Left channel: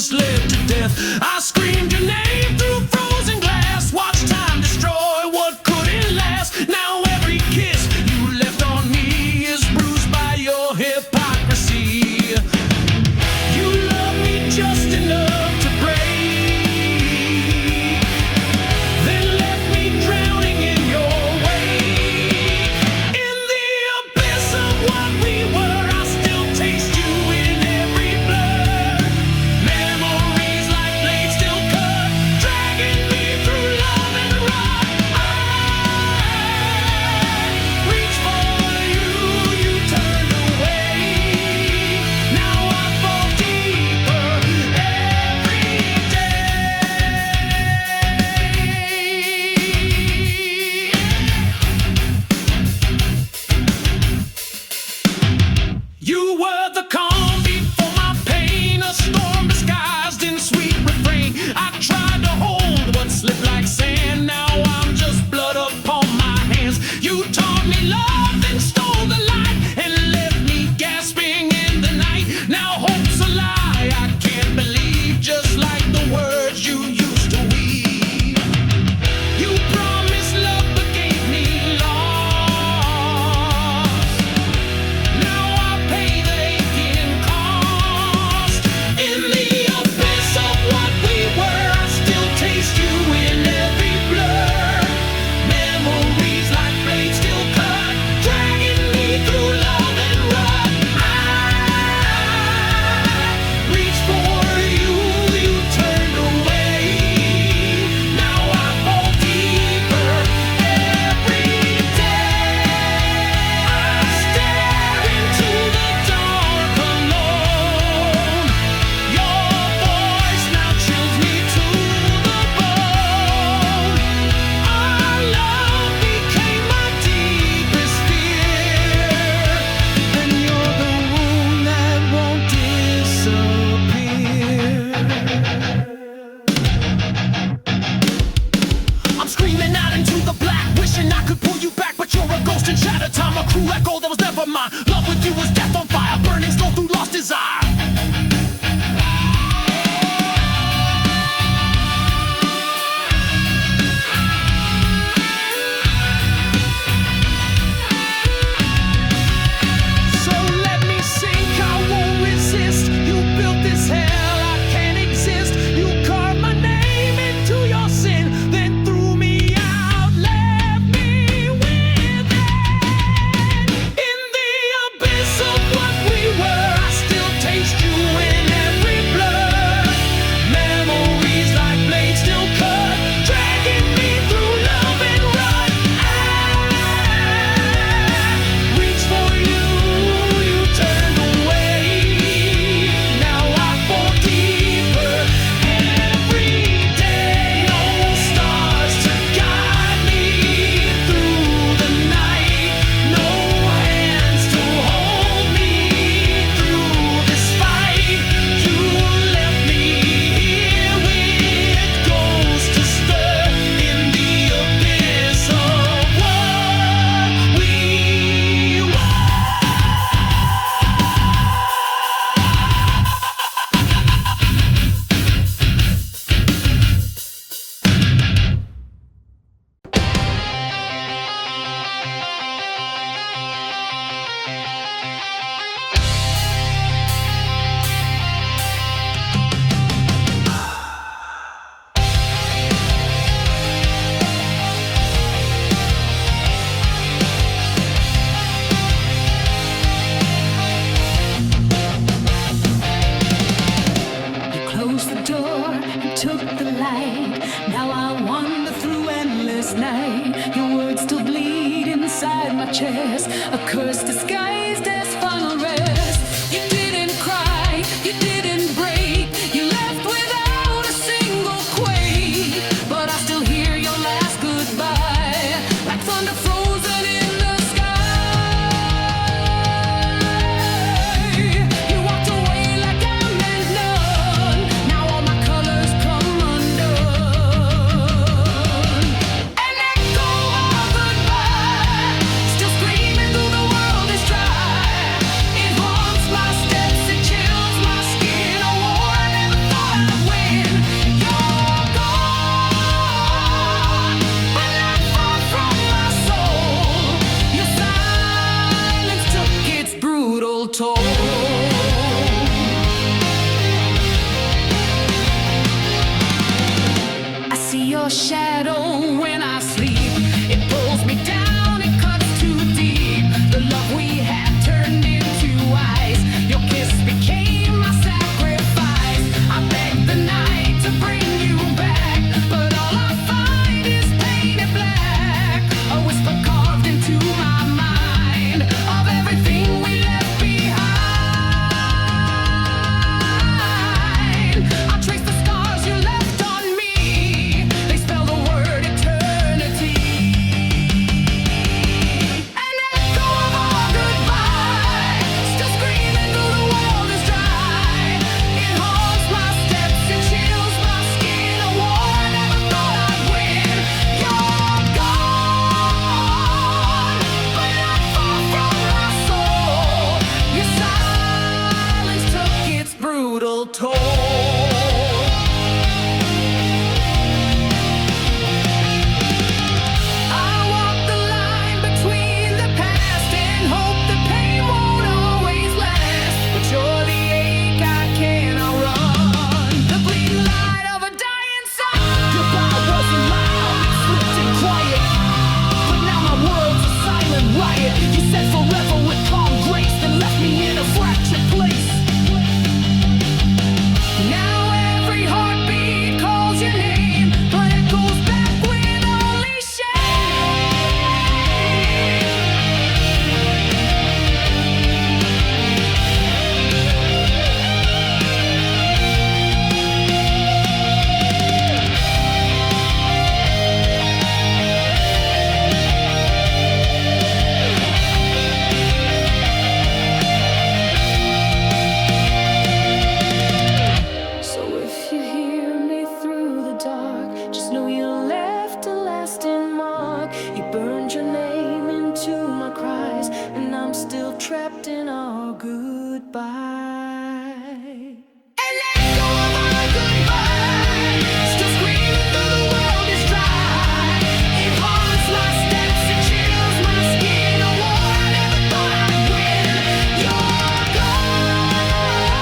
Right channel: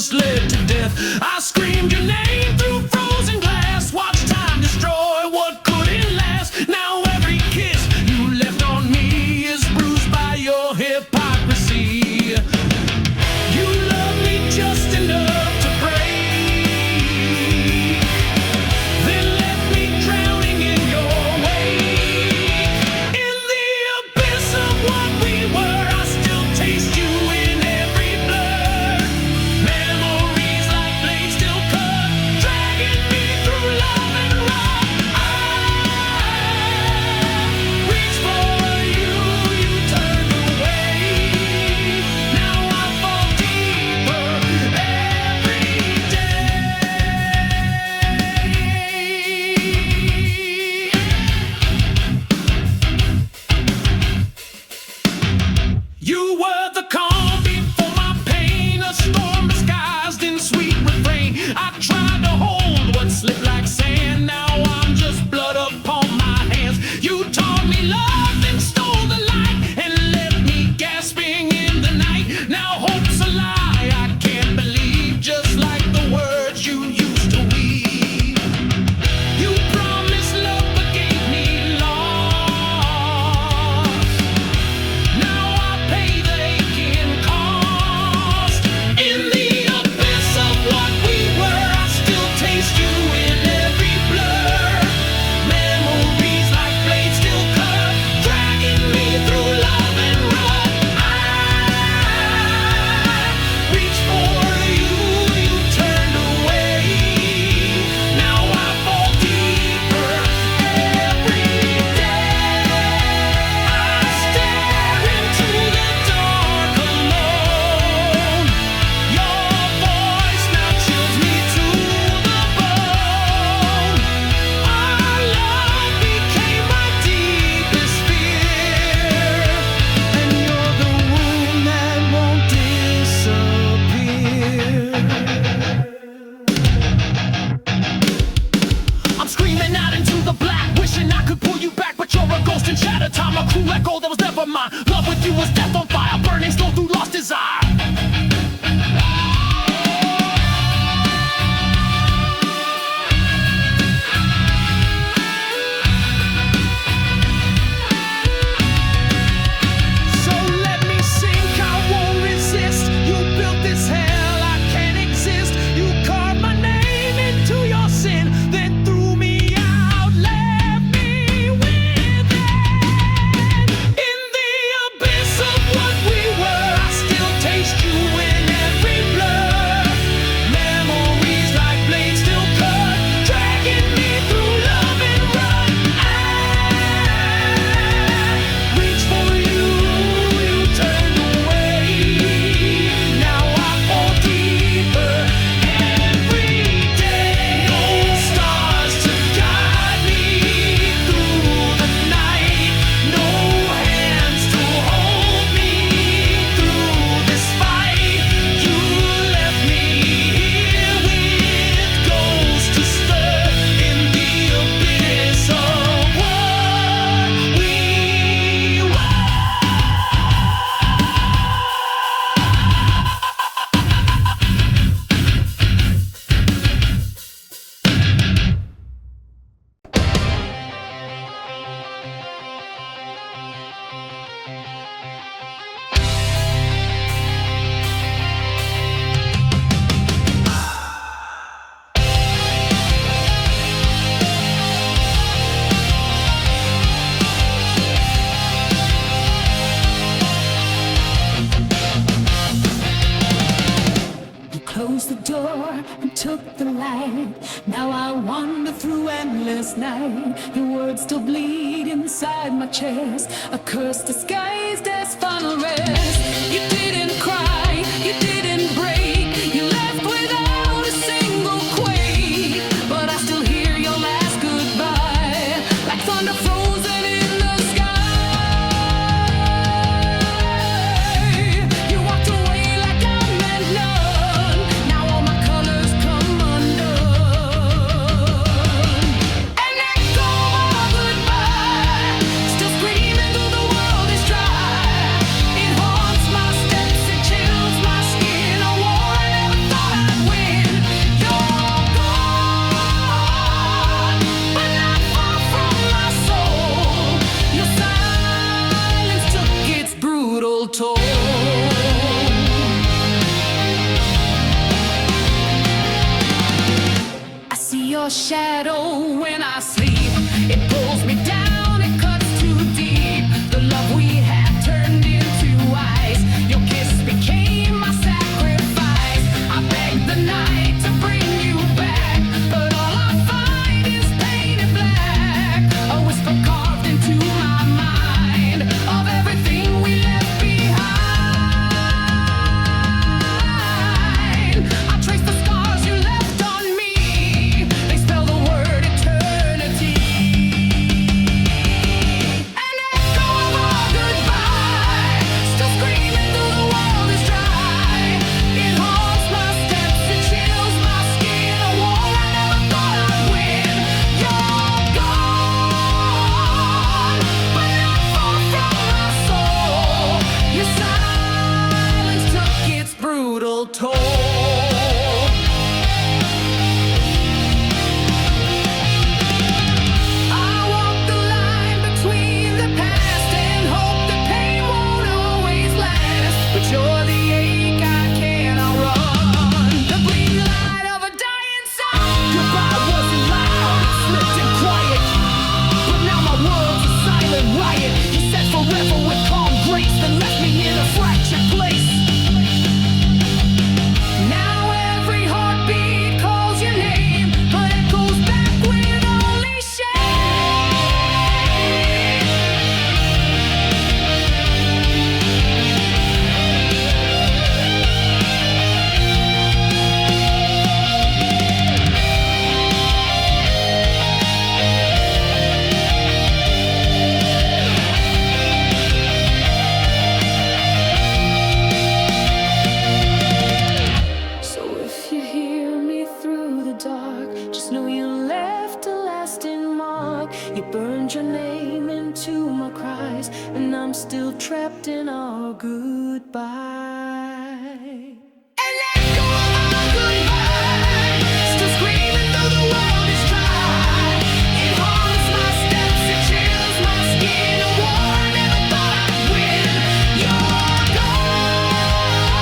was led to death. I screamed your name through frozen glass, watched time destroy what couldn't last. Now every kiss you left on me is bruised by your hypocrisy. You love me just enough to break, then left me drowning in your wake. In the abyss of what we were, I still taste you in every blur. Memories like blades still cut, dragging me through love and rot. I reach for you, you turned away. Now I fall deeper every day. You were the calm before my pain, a storm disguised in sweet refrain. I tried to hold what slipped like sand, now I'm just blood upon my hands. You taught me love, then stole the light, and left me gasping in the night. Now hope's a lie, I can't believe, just like the words you used to weave. You promised love but gave me loss. Now I pay the aching cost. In the abyss of what we were, I still taste you in every blur. Memories like blades still cut, dragging me through love and rut. I reach for you, you turned away. Now I fall deeper every day. I stare into the dark alone. Your voice now chills me to the bone. Our love became my deepest fear, and you're the wound that won't disappear. I'm screaming out into the black, wishing I could pull you back, but you're a ghost in shattered time, a cruel echo that was never mine. Love with you was death on fire, burning slow through lost desire. So let me sink, I won't resist. You built this hell, I can't exist. You carved my name into your sin, then threw me out, left me within. In the abyss of what we were, I still taste you in every blur. Memories like blades still cut, dragging me through love and rut. I reach for you, you turned away. Now I fall deeper every day. No stars to guide me through the night, no hands to hold me through this fight. You left me here with ghosts to stir in the abyss of what we were. You closed the door and took the light. Now I wander through endless night. Your words still bleed inside my chest, a curse disguised as final rest. You didn't cry, you didn't break. You left without a single quake, but I still hear your last goodbye, like thunder frozen in the sky. You walked away like I meant none. Now all my colors come undone. An echo of our goodbye, still screaming through the world is dry. It haunts my steps, it chills your shadow when I sleep. It pulls me down, it cuts too deep. The love we had turned into ice. Your kiss became my sacrifice. I begged the night to bring you back, but all I find is painted black. A whisper carved into my mind of everything we left behind. I trace the scars you left on me. They spell the word eternity. An echo of our goodbye, still screaming though the world is dry. It haunts my steps, it chills my skin. A war I never thought I'd win. You're gone, but not far from my soul. Your silence took its brutal toll. I walk the line between the past and hope that pain won't always last. But you're the ache I cannot run, the bleeding light of a dying sun. Goodbye wasn't loud, it slipped in quiet, but now my world's a silent riot. You said forever with calm grace, then left me in a fractured place. Now every heartbeat calls your name, but echoes back with only So if you hear me through the dark, just know you left a lasting mark. You burned your name into my cries, and I'm still trapped in our goodbye. An echo of our goodbye, still screaming though the world is dry. It haunts my steps, it chills my skin. A war I never thought I'd win. You're gone,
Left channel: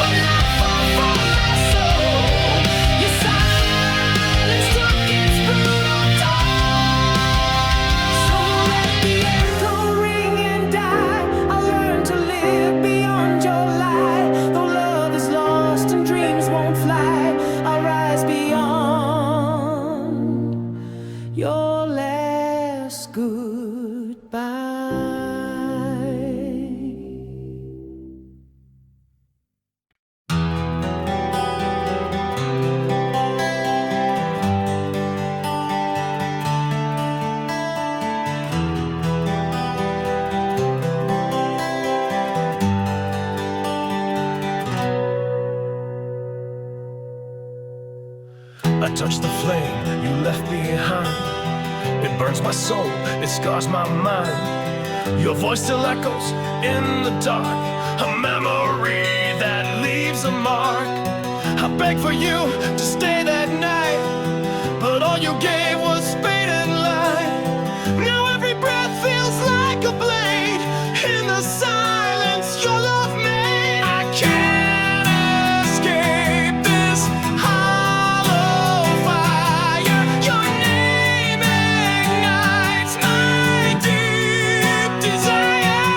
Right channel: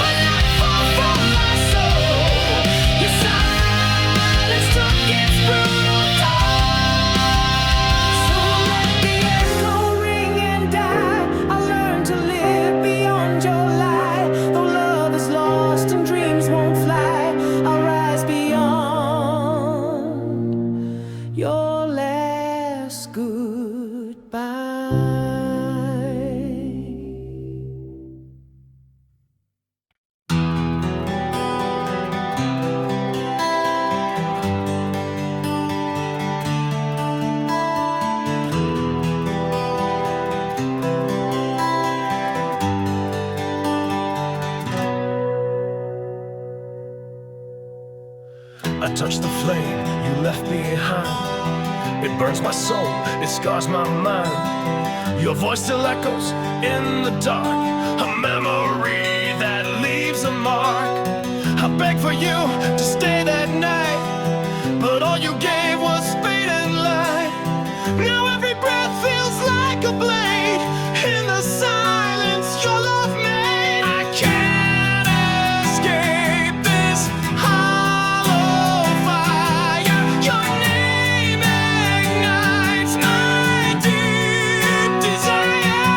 but not far from my soul. Your silence took its brutal toll. So let the echo ring and die. I learned to live beyond your lie. Though love is lost and dreams won't fly, I'll rise beyond your last goodbye. I touch the flame you left behind. It burns my soul, it scars my mind. Your voice still echoes in the dark, a memory that leaves a mark. I begged for you to stay that night, but all you gave was fate and light. Now every breath feels like a blade in the silence your love made. I can't escape this hollow fire. Your name ignites my deep desire.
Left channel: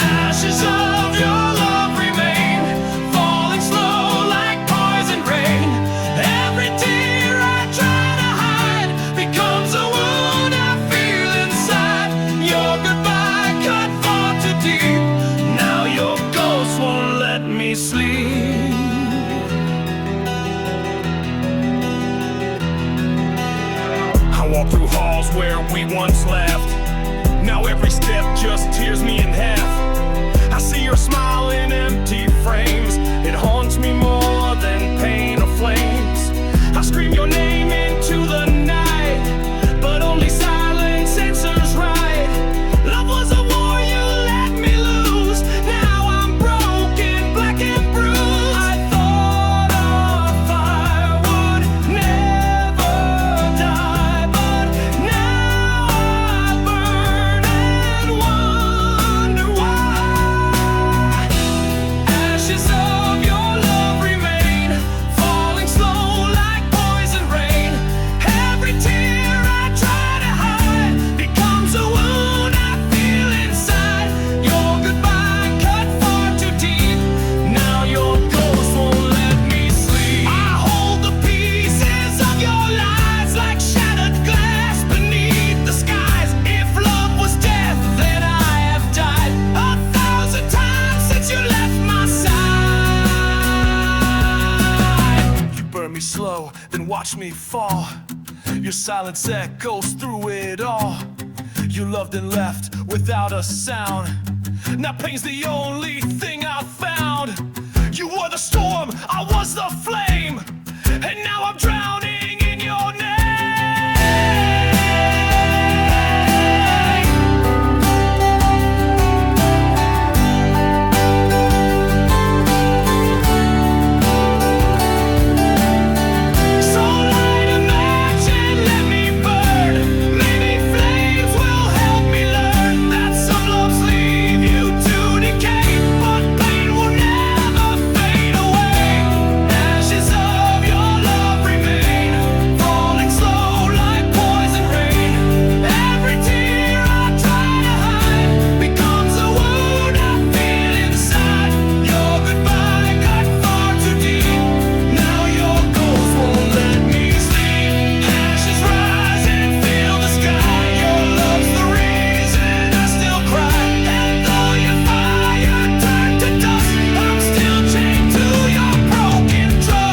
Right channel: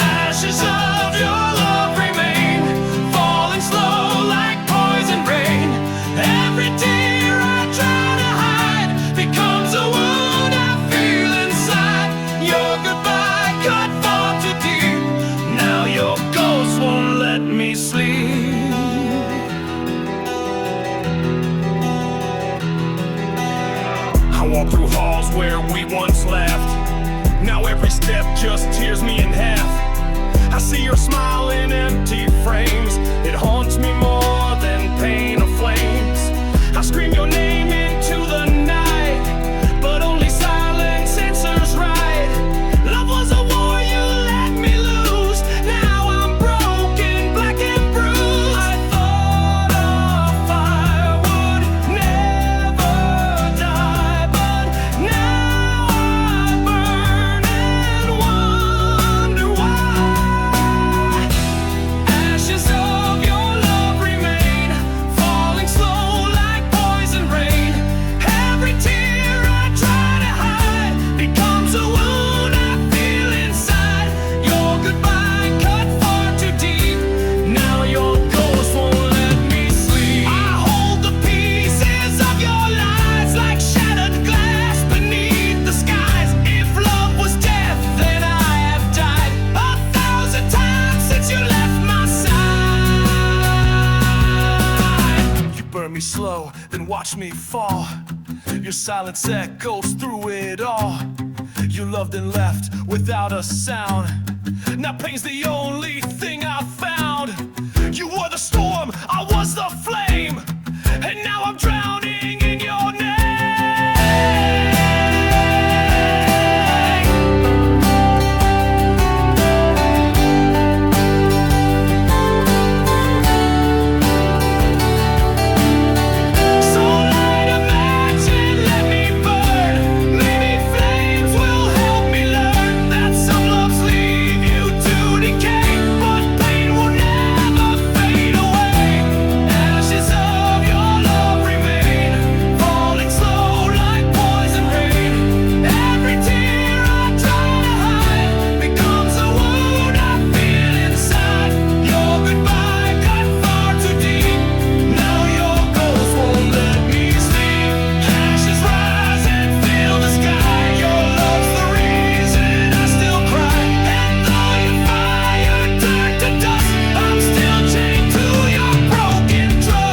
Ashes of your love remain, falling slow like poison rain. Every tear I try to hide becomes a wound I feel inside. Your goodbye cut far too deep. Now your ghost won't let me sleep. I walk through halls where we once laughed. Now every step just tears me in half. I see your smile in empty frames. It haunts me more than pain or flames. I scream your name into the night, but only silence answers right. Love was a war you let me lose. Now I'm broken, black and bruised. I thought a fire would never die, but now I burn and wonder why. Now your ghost won't let me sleep. I hold the pieces of your lies like shattered glass beneath the skies. If love was death, then I have died 1,000 times since you left my side. You burn me slow, then watch me fall. Your silence echoes through it all. You loved and left without a sound. Now pain's the only thing I found. You were the storm, I was the flame, and now I'm drowning in your name. So light a match and let me burn. Maybe flames will help me learn that some loves leave you to decay, but pain will never fade away. Ashes of your love remain, falling slow like poison rain. Every tear I try to hide becomes a wound I feel inside. Your goodbye cut far too deep. Now your ghost won't let me sleep. Ashes rise and fill the sky. Your love's the reason I still cry. And though your fire turned to dust, I'm still chained to your broken trust.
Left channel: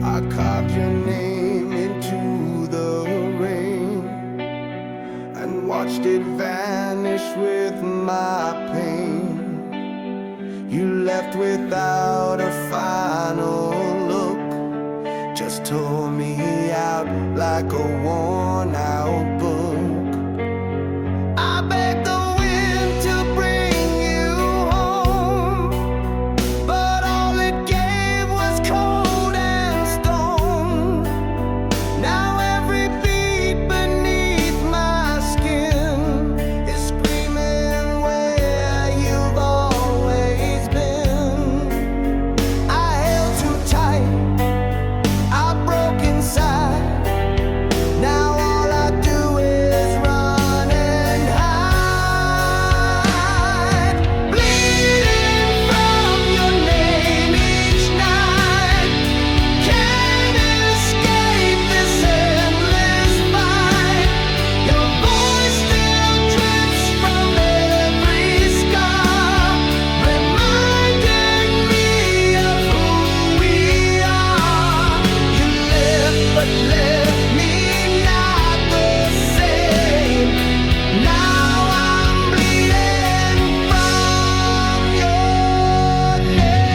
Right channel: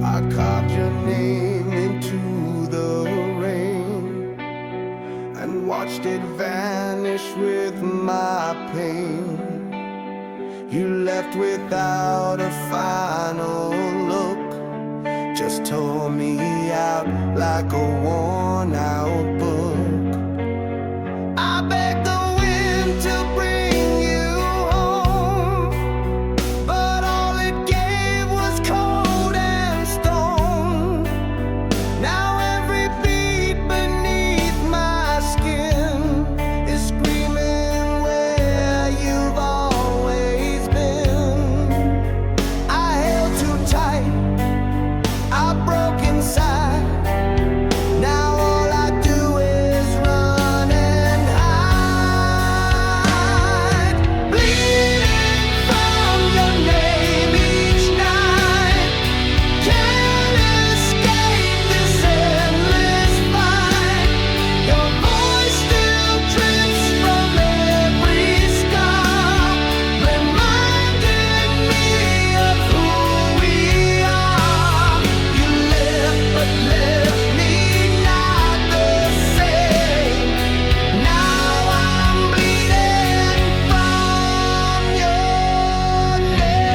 I carved your name into the rain and watched it vanish with my pain. You left without a final look, just tore me out like a worn out book. I begged the wind to bring you home, but all it gave was cold and stone. Now every beat beneath my skin is screaming where you've always been. I held too tight, I broke inside. Now all I do is run and hide, bleeding from your name each night. Can't escape this endless fight. Your voice still drips from every scar, reminding me of who we are. You left but left me not the same. Now I'm bleeding from your name.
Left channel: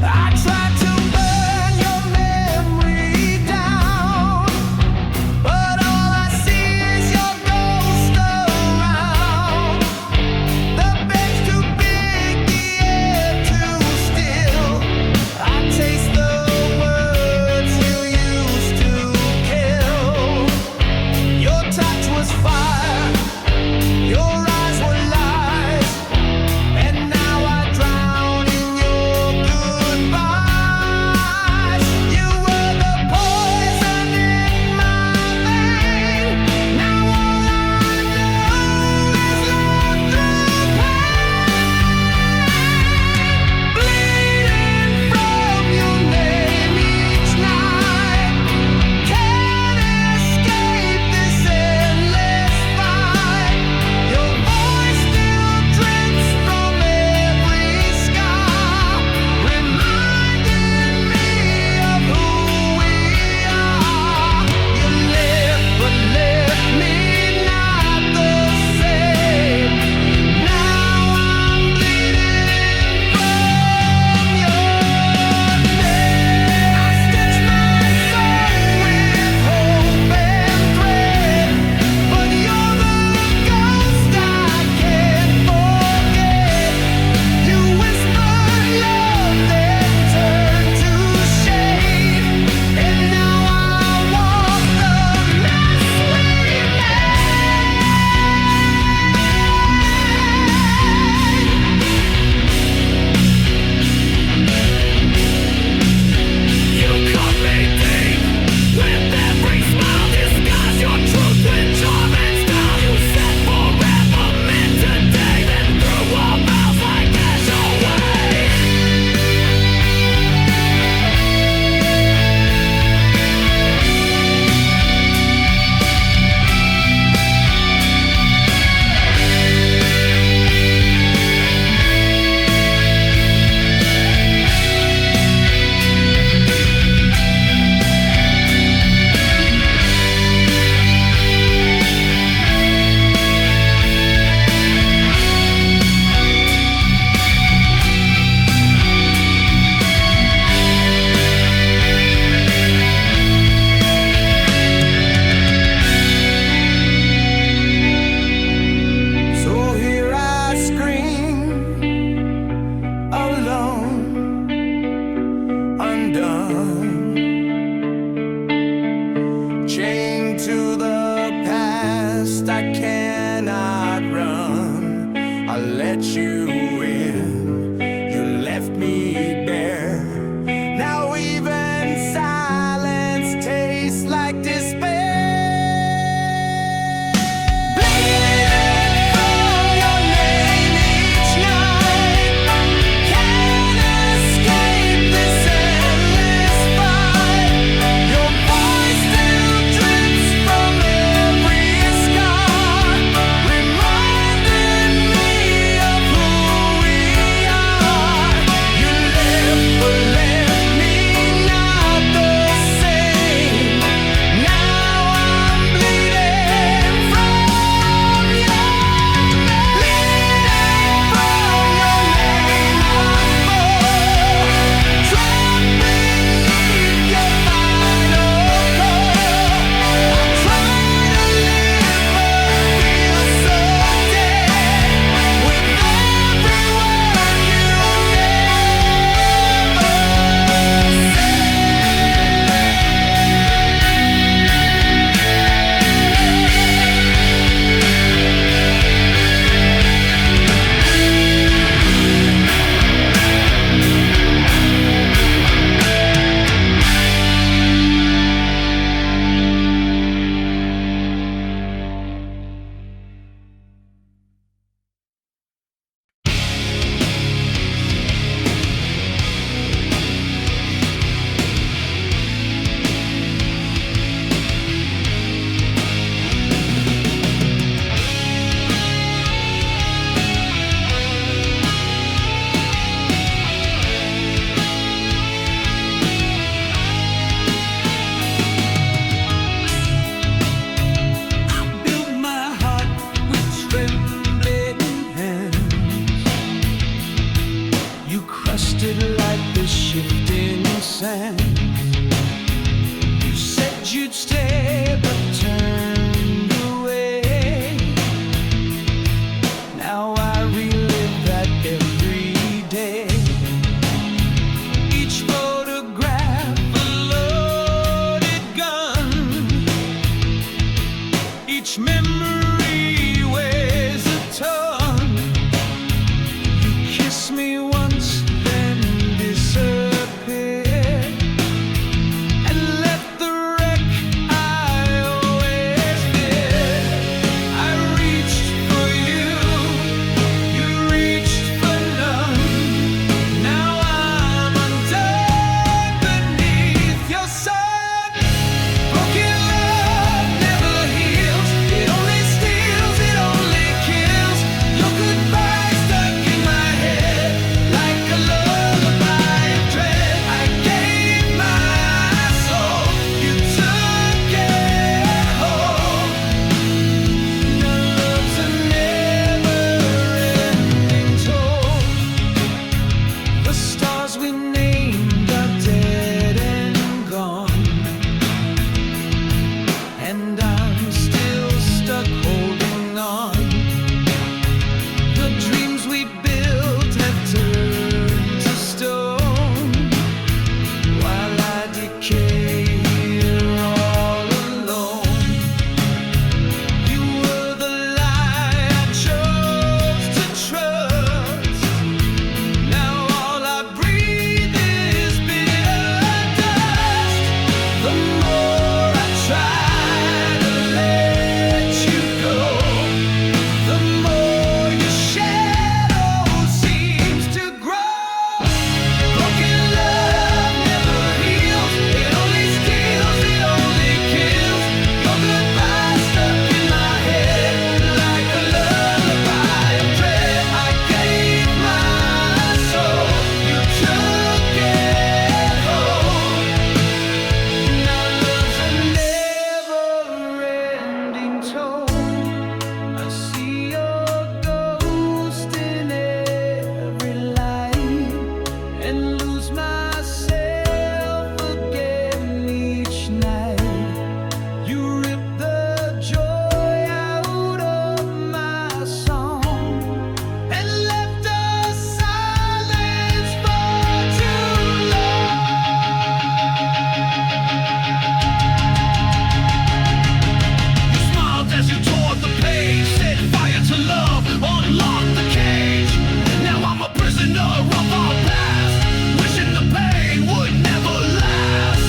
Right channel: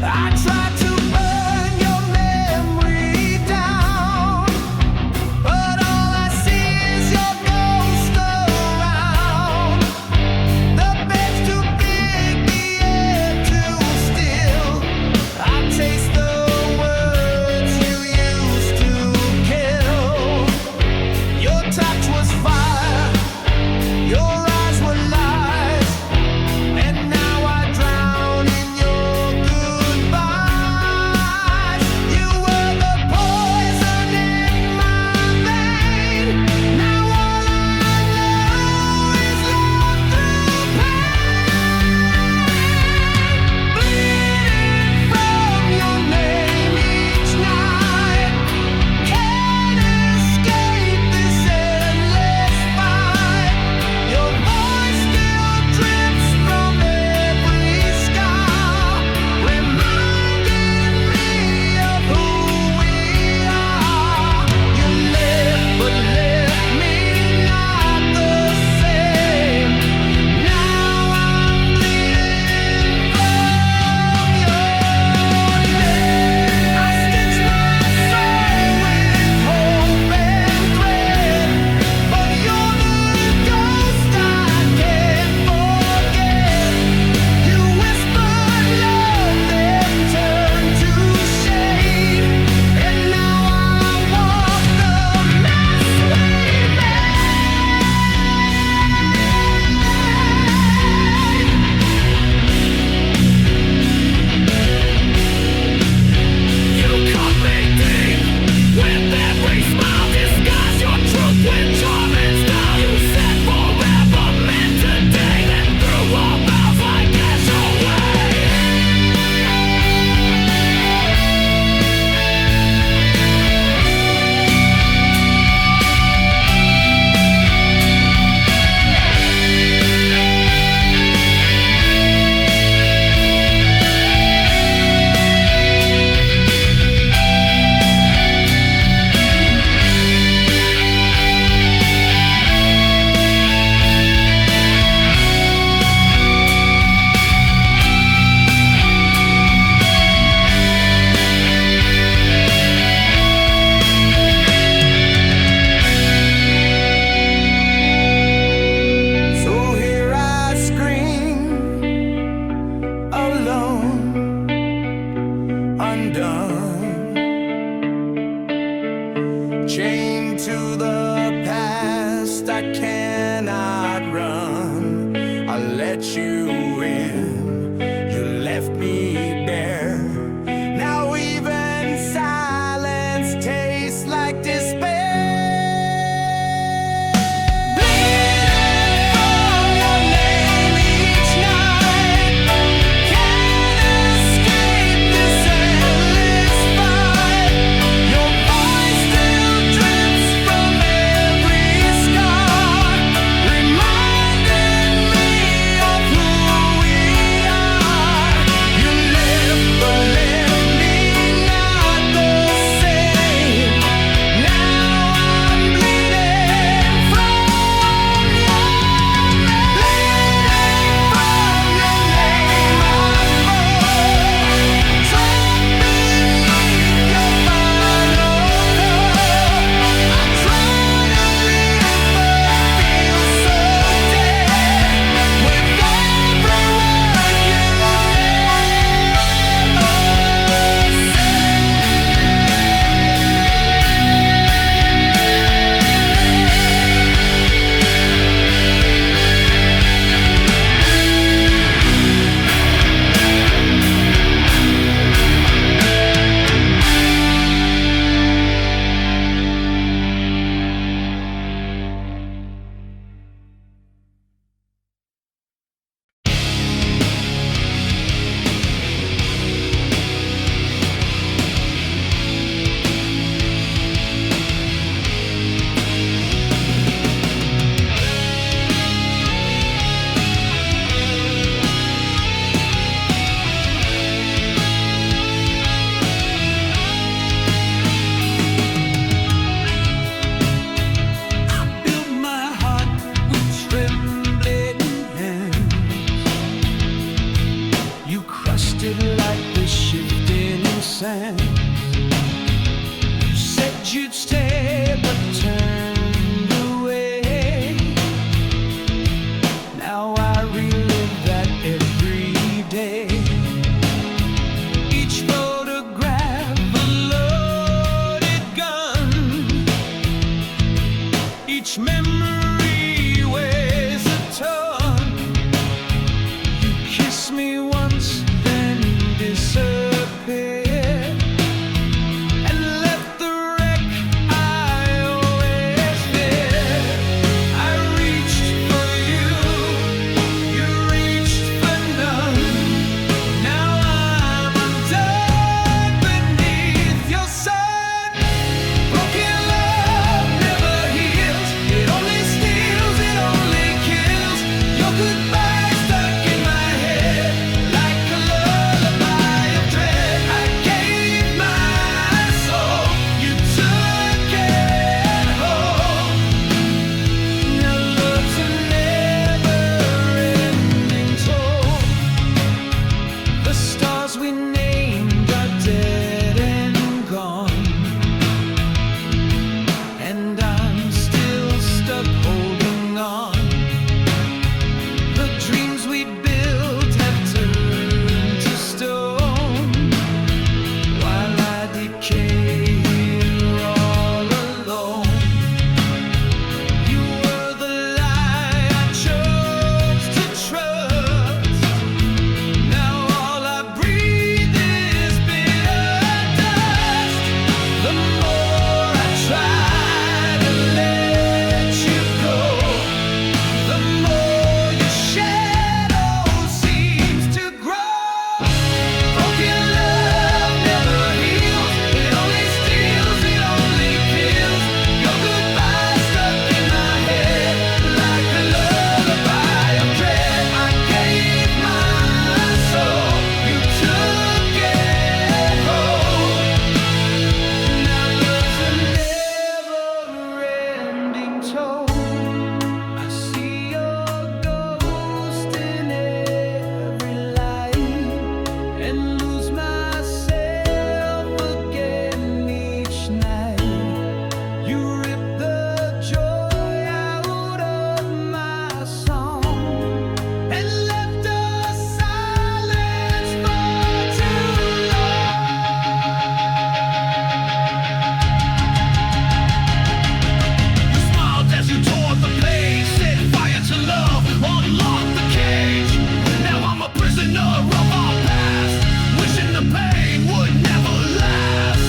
I tried to burn your memory down, but all I see is your ghost around. The bed's too big, the air too still. I taste the words you used to kill. Your touch was fire, your eyes were lies, and now I drown in your goodbyes. You were the poison in my vein. Now all I know is love through pain, bleeding from your name each night. Can't escape this endless chained to the past, I cannot run. I let you in, you left me bare. Now even silence tastes like despair. Like the shifting sands. You said you'd stay, but turned away. Now I relive that every day. Each photograph a loaded gun. Each memory weighs a ton. You kiss me once, disappeared and left the wreck I always feared. I reached for you, you reached for none. Now I'm undone beneath your sun. Broken love never heals, it only steals, it only kills. Your goodbye stuck in my head like a lullaby of dread. I gave my soul, you took it home. Now love's a never-ending toll. The stars we named are dead and gone, and I'm still stuck holding on. The dreams we built have turned to stone, while I decay here all alone. You were the lie I chose to trust. Now all I breathe is bitter dust. The more I try to let you go, the more your shadow seems to grow. Broken love never heals, it only steals, it only kills. Your goodbye stuck in my head like a lullaby of dread. I gave my soul, you took it home. Now love's a never-ending toll. I see your ghost in every light and lose myself again each night. You rip the joy out of my song and left us silence for too long. tore the page, set fire to love, unlocked the cage. Now I'm a prisoner of our past, wishing the pain would never last.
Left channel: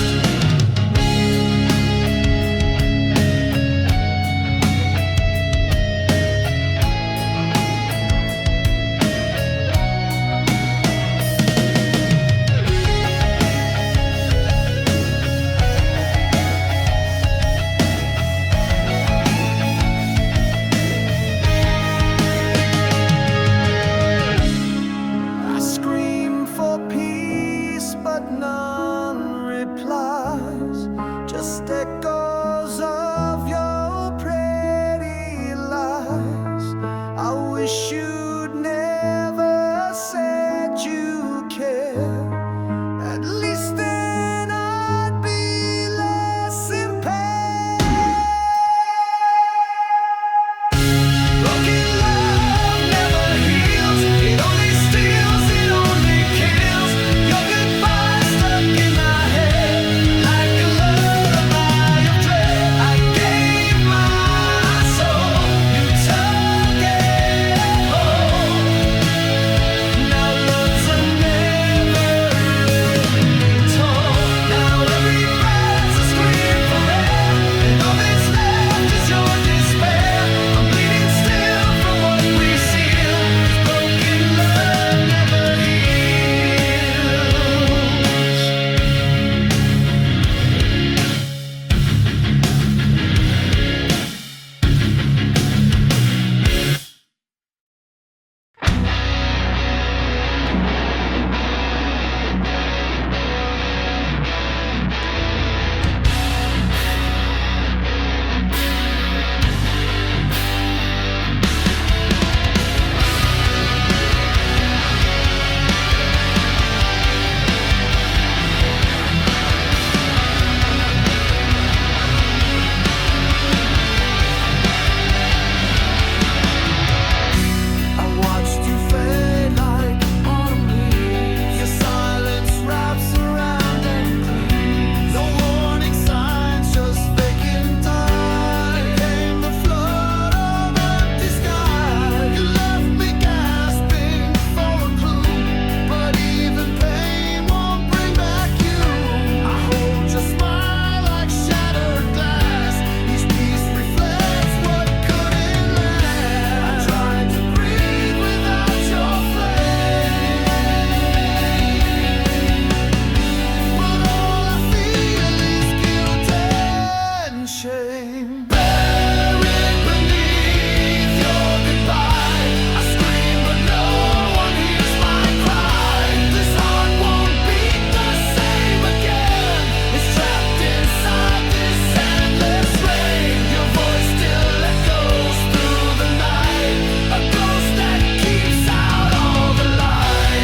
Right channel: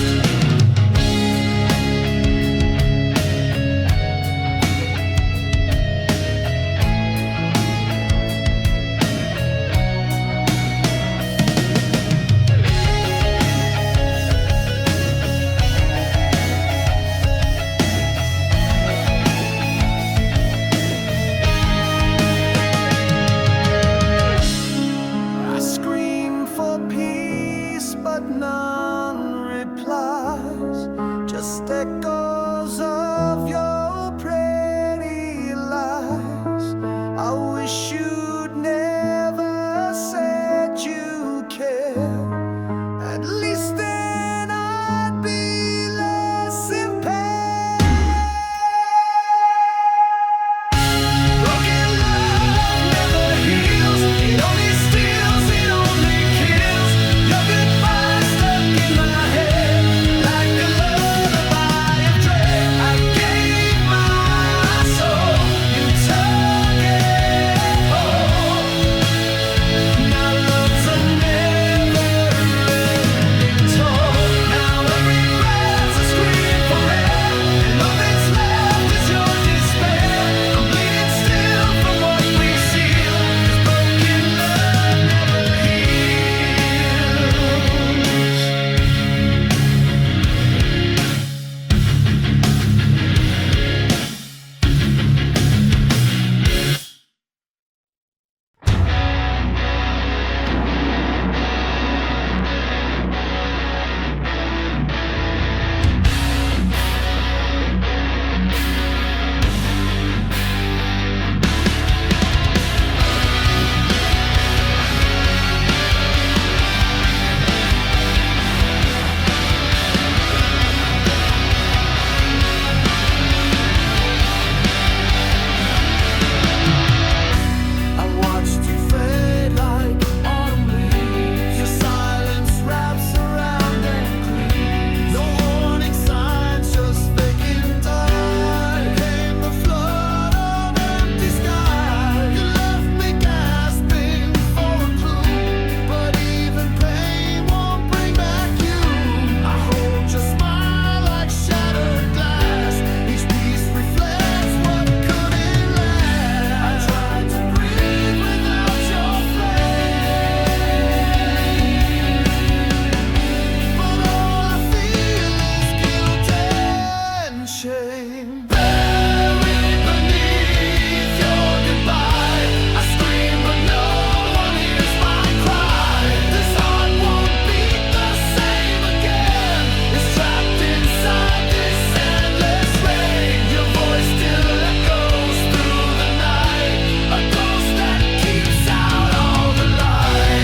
Scream for peace, but none replies. Just echoes of your pretty lies. I wish you'd never said you care. At least then I'd be less impaired. Broken love never heals. It only steals, it only kills. Your goodbye stuck in my head like a lullaby of dread. I gave my soul, you took it home. Now love's a never-ending toll. Now every breath's a scream for air, and all that's left is your despair. I'm bleeding still from what we seal, 'cause broken love never heals. I watched you fade like autumn leaves. Your silence wraps around and cleaves. No warning signs, just vacant time. Then came the flood of empty sky. You left me gasping for a clue, but even pain won't bring back you. I hold your smile like shattered glass. Each piece reflects what couldn't last. I tried to breathe without your flame, but all I feel is guilt and shame. Buried beneath your goodbye, I scream but no one hears my cry. This heart won't beat the same again. It's trapped inside this endless rain. Your voice still echoes through the night, a ghost that keeps out all the light.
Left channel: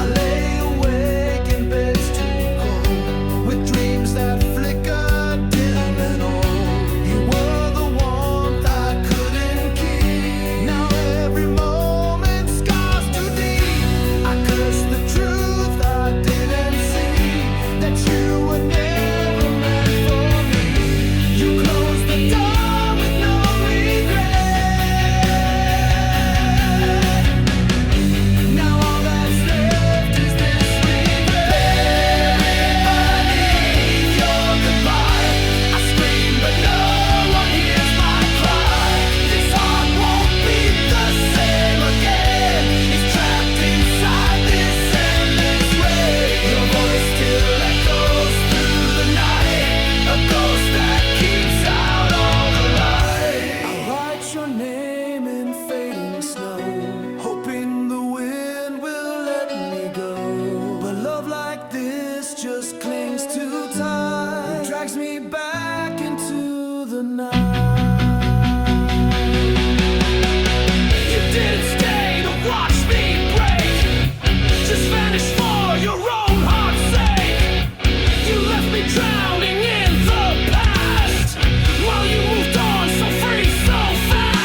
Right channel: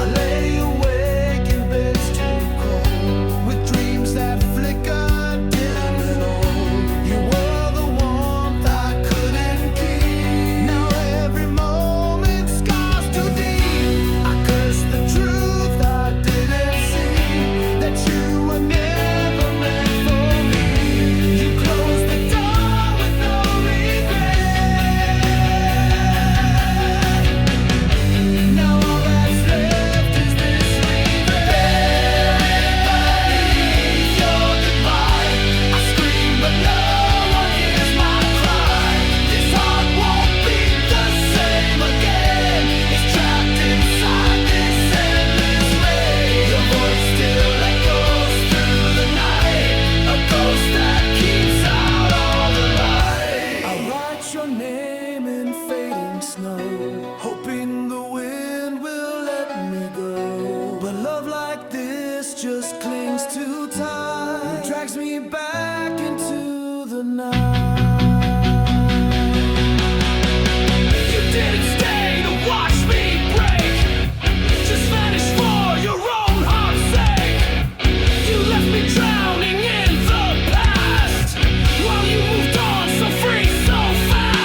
I lay awake in beds too cold, with dreams that flicker dim and old. You were the warmth I couldn't keep. Now every moment scars too deep. I curse the truth I didn't see, that you were never meant for me. You closed the door with no regret. Now all that's left is this regret. Buried beneath your goodbye, I scream but no one hears my cry. This heart won't beat the same again. It's trapped inside this endless rain. Your voice still echoes through the night, a ghost that keeps out all the light. I write your name in fading snow, hoping the wind will let me go. But love like this just clings too tight. It drags me back into the night. You didn't stay to watch me break, just vanished for your own heart's sake. You left me drowning in the past, while you moved on so free, so fast.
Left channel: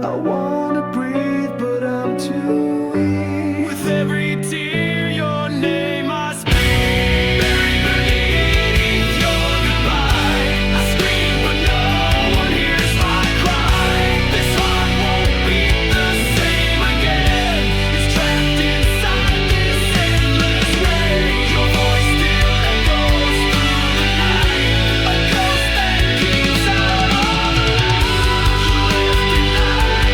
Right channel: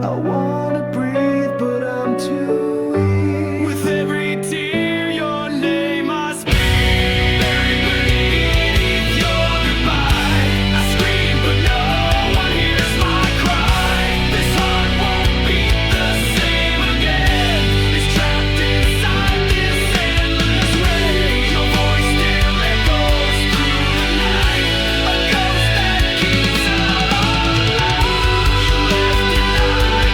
I wanna breathe, but I'm too weak. With every tear, your name I speak. Buried beneath your goodbye, I scream, but no one hears my cry. This heart won't beat the same again. It's trapped inside this endless rain. Your voice still echoes through the night, a ghost that keeps out all the light. You left and I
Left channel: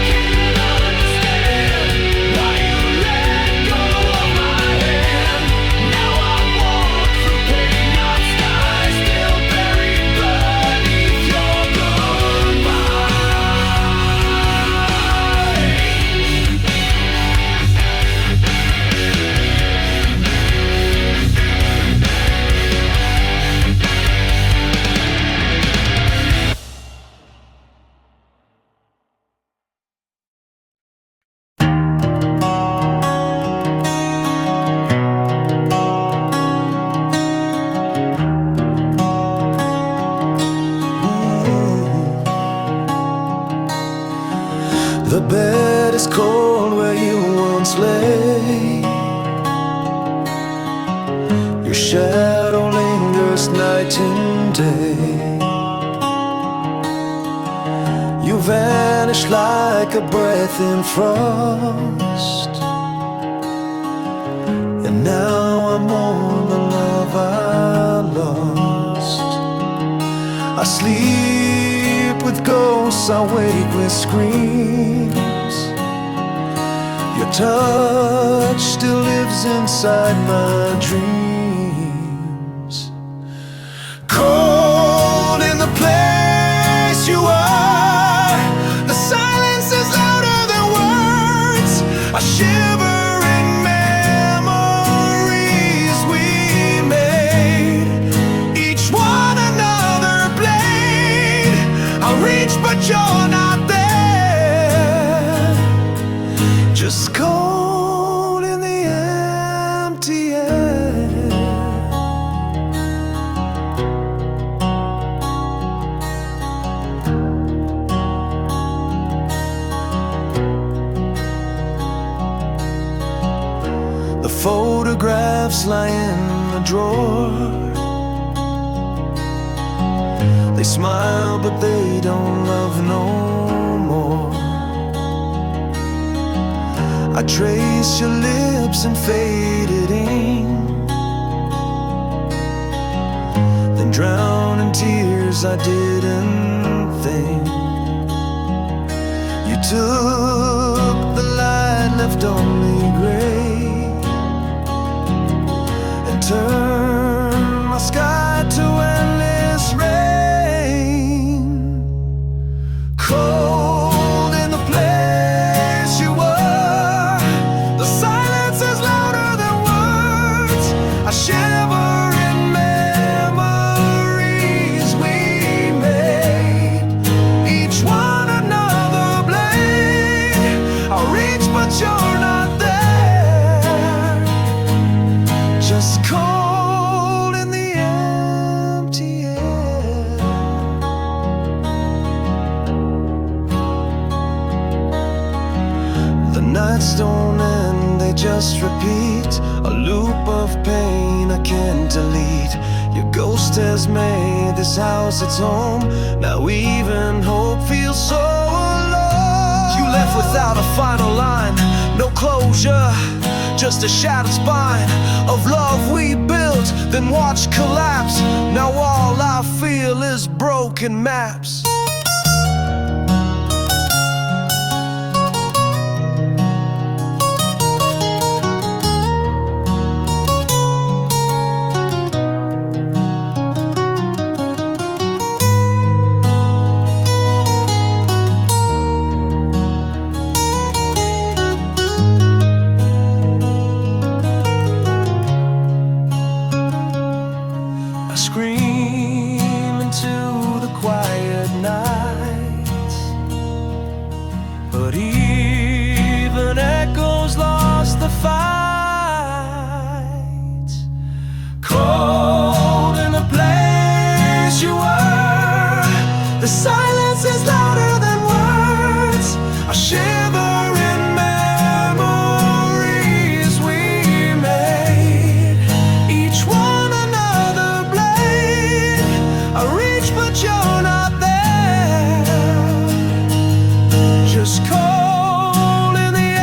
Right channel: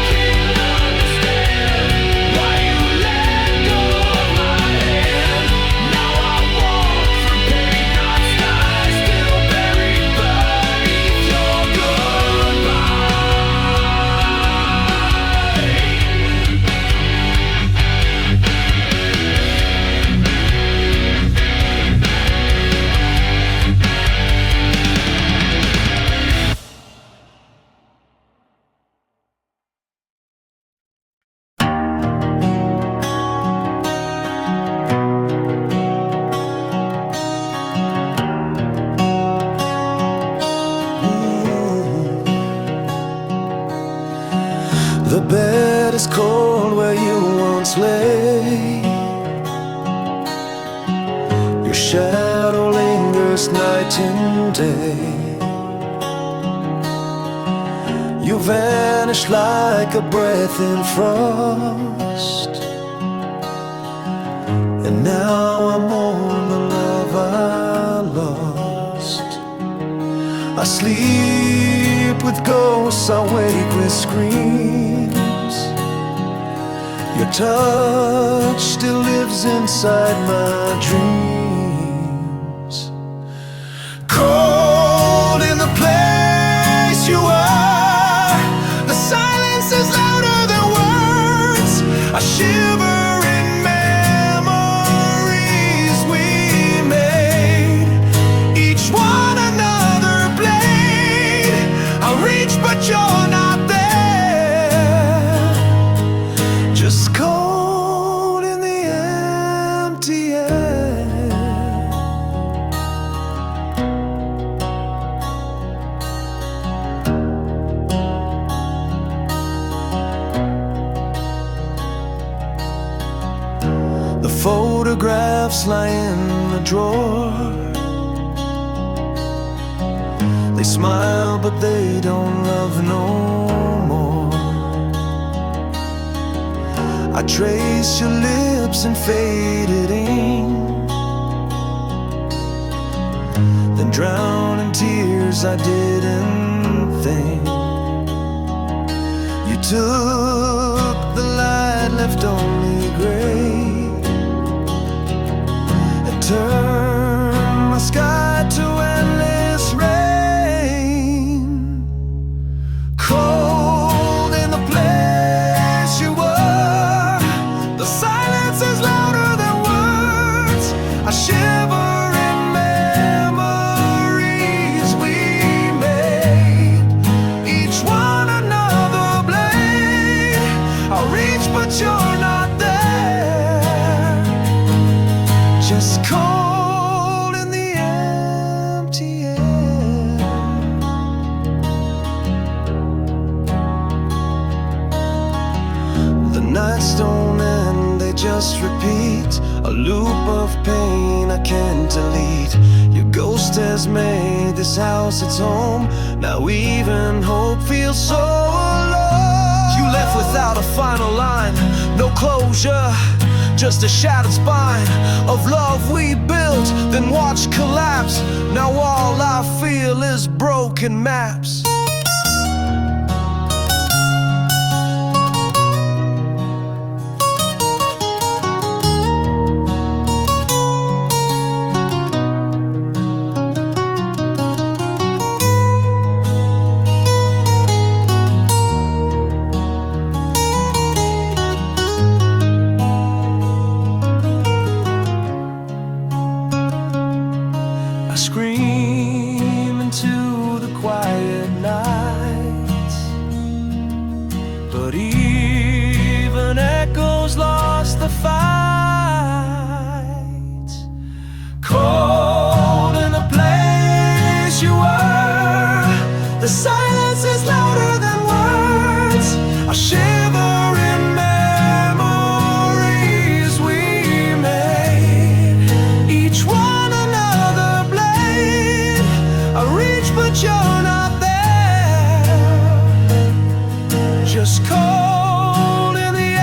can't understand why you let go of my hand. Now I walk through pain, not sky, still buried beneath your goodbye. The bed is cold where you once lay. Your shadow lingers night and day. You vanish like a breath in frost. And now I mourn the love I lost. I sleep with ghosts, I wake with screams. Your touch still lives inside my dreams. Cold in the place you are, the silence is louder than words. I shiver in memories we made, each one another blade. I'll reach but you're not there, just cold in the empty air. The photographs lie in the drawer. They smile but they don't love no more. I trace your lips in faded ink, then drown in tears I didn't think. You took the light, left only gray, and turned my sky to endless rain. Cold in the place you were, the silence is louder than words. I shiver in memories we made, each one another blade. I'll reach but you're not there, just cold in the empty air. The nights don't end, they just repeat, a loop of pain I can't delete. Your ghost has made this house its home. Now even hope feels so alone. You left without a final line, no closure, just a shattered spine of love we built, then watched collapse. Now all I feel is broken maps. I scream into the quiet night, but even echoes lost the fight. Cold in the place you were, the silence is louder than words. I shivering memories we made, each one another blade. I reach but you're not there, just cold in the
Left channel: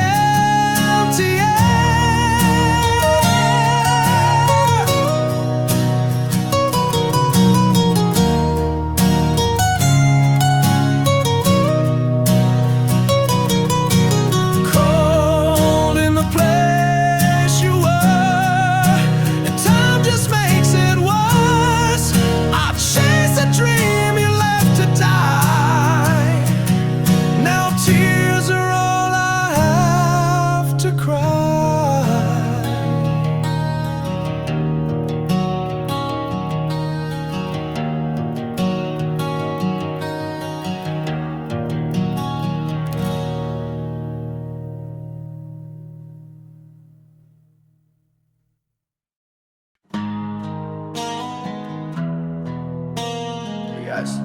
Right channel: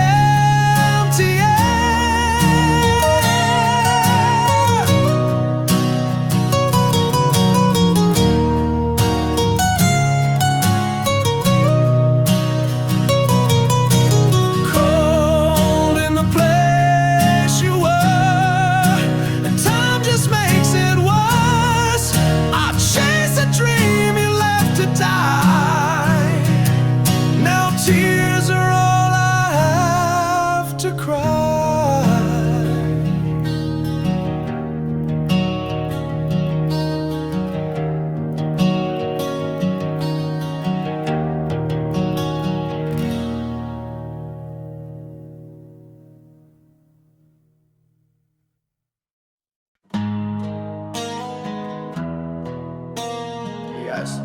empty air. Cold in the place you were, and time just makes it worse. I chase a dream you left to die. Now tears are all I have to cry. Yes.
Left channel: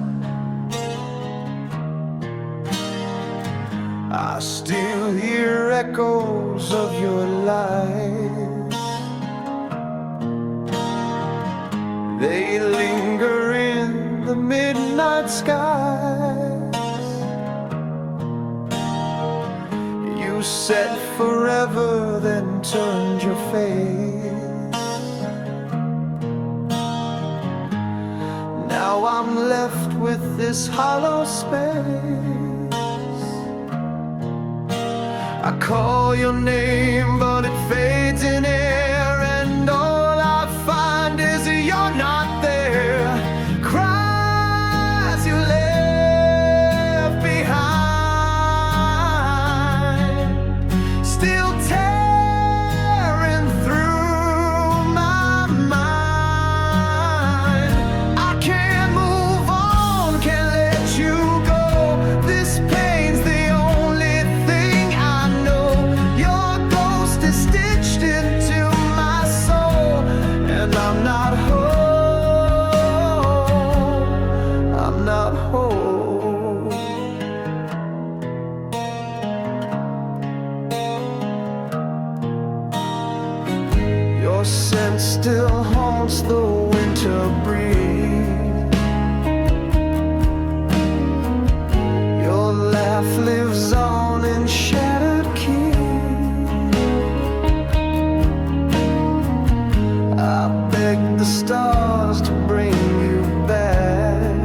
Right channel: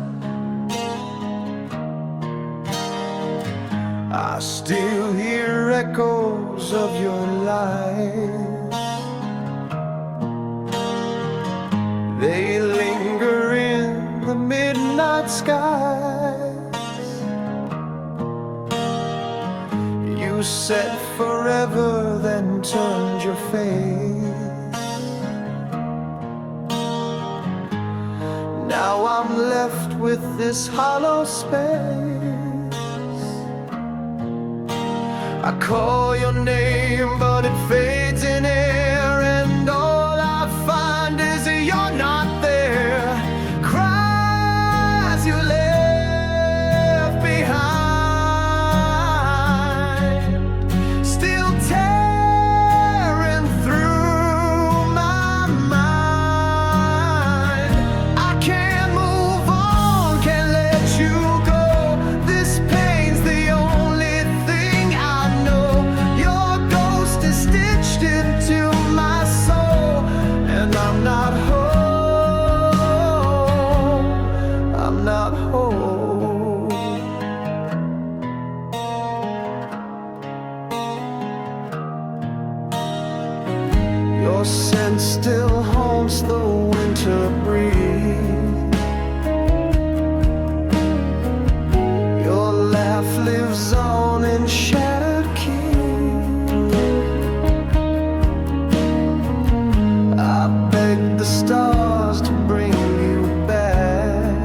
I still hear echoes of your life. They linger in the midnight skies. You said forever, then turned your face. Now I'm left with this hollow space. I call your name, but it fades in air, and all I find is you're not there. Cries you left behind, still tearing through my mind. I can't move on, can't let you go. This pain's the only thing I know. Your ghost is stitched into my soul, and I'm not home, I'm not home. Your scent still haunts the winter breeze. Your laugh lives on in shattered keys. I begged the stars to bring you back,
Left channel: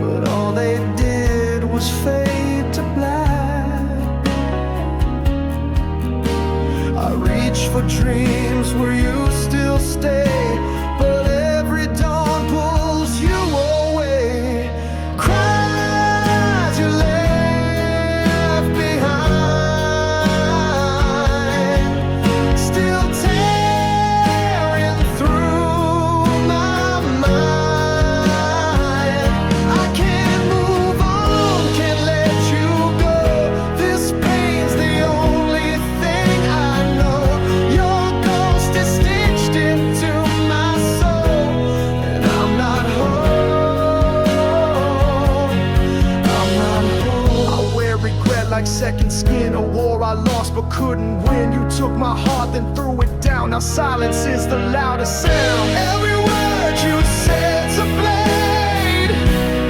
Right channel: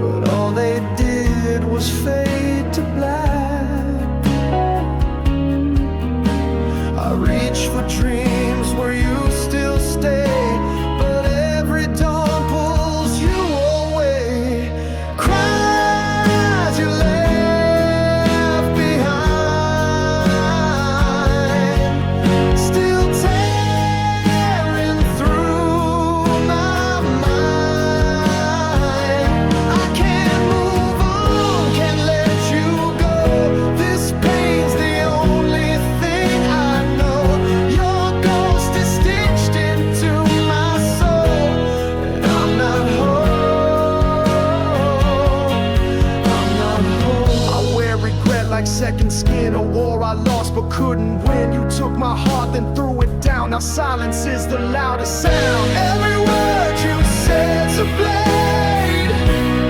but all they did was fade to black. I reach for dreams where you still stay, but every dawn pulls you away. Cries you left behind, still tearing through my mind. I can't move on, can't let you go. This pain's the only thing I know. Your ghost is stitched into my soul, and I'm not home, I'm not home. I wear regret like second skin, a war I lost but couldn't win. You took my heart, then threw it down. Now silence is the loudest sound. Every word you said's a blade,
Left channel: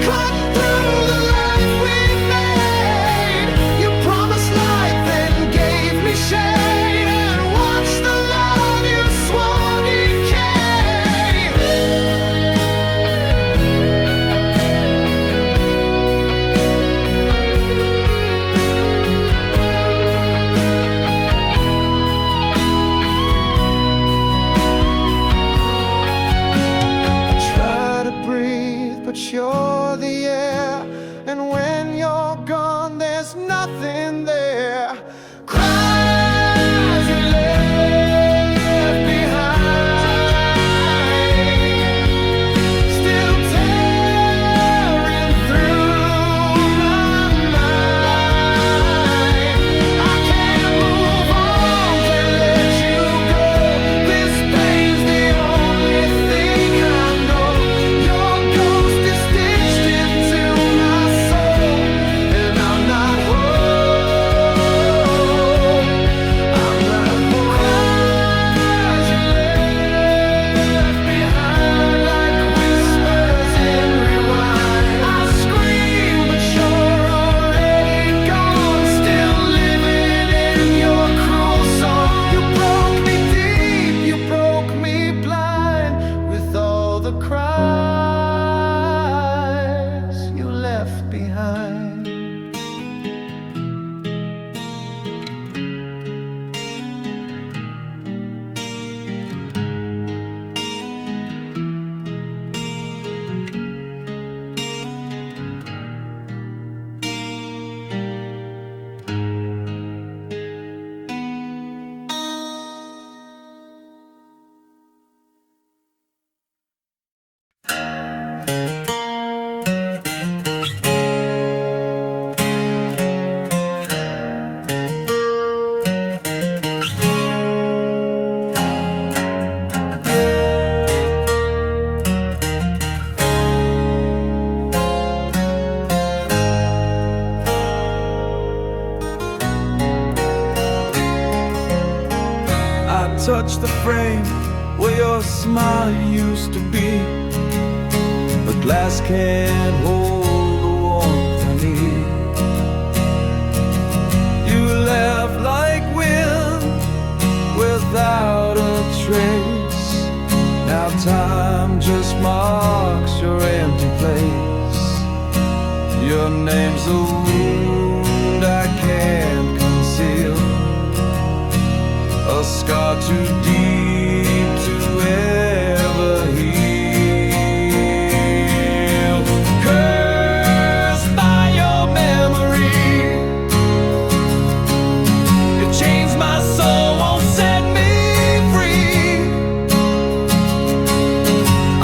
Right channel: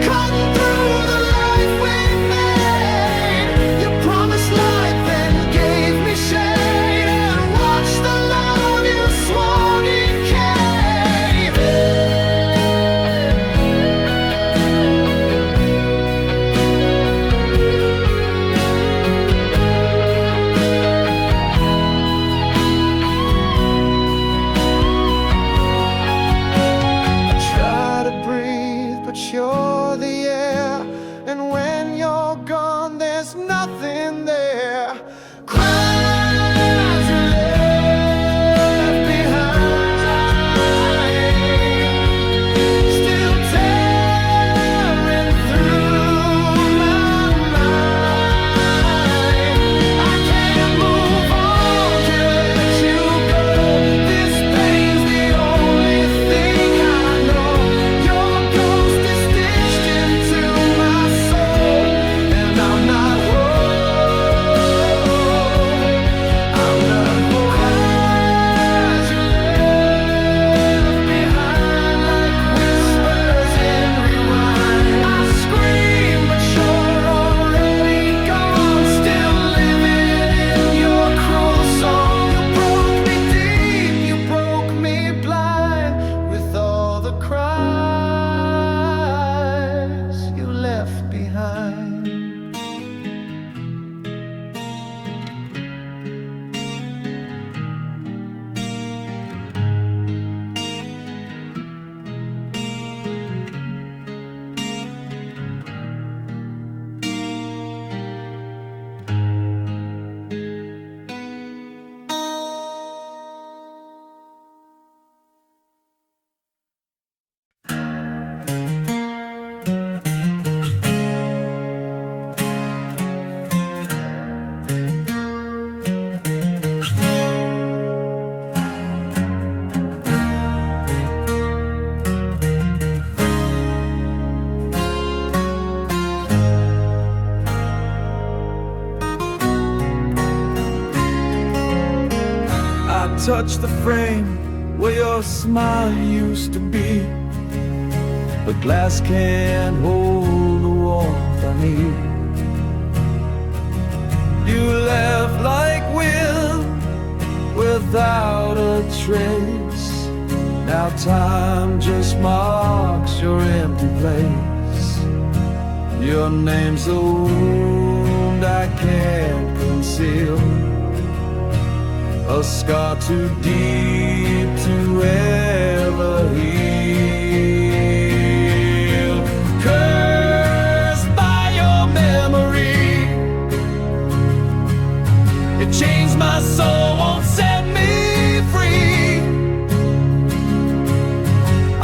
cutting through the life we made. You promised light, then gave me shade, and watched the love you swore decay. I try to breathe, but you're the air, and when you're gone, there's nothing there. Cries you left behind, still tearing through my mind. I can't move on, can't let you go. This pain's the only thing I know. Your ghost is stitched into my time. I touch the frame where your smile used to be. The glass can't hold the warmth I need. You left like wind without a trace. Now time just marks your empty place. Your name's a wound I can't conceal, a scar too deep to ever heal. Cursed by your memory, it chains my soul, won't set me free.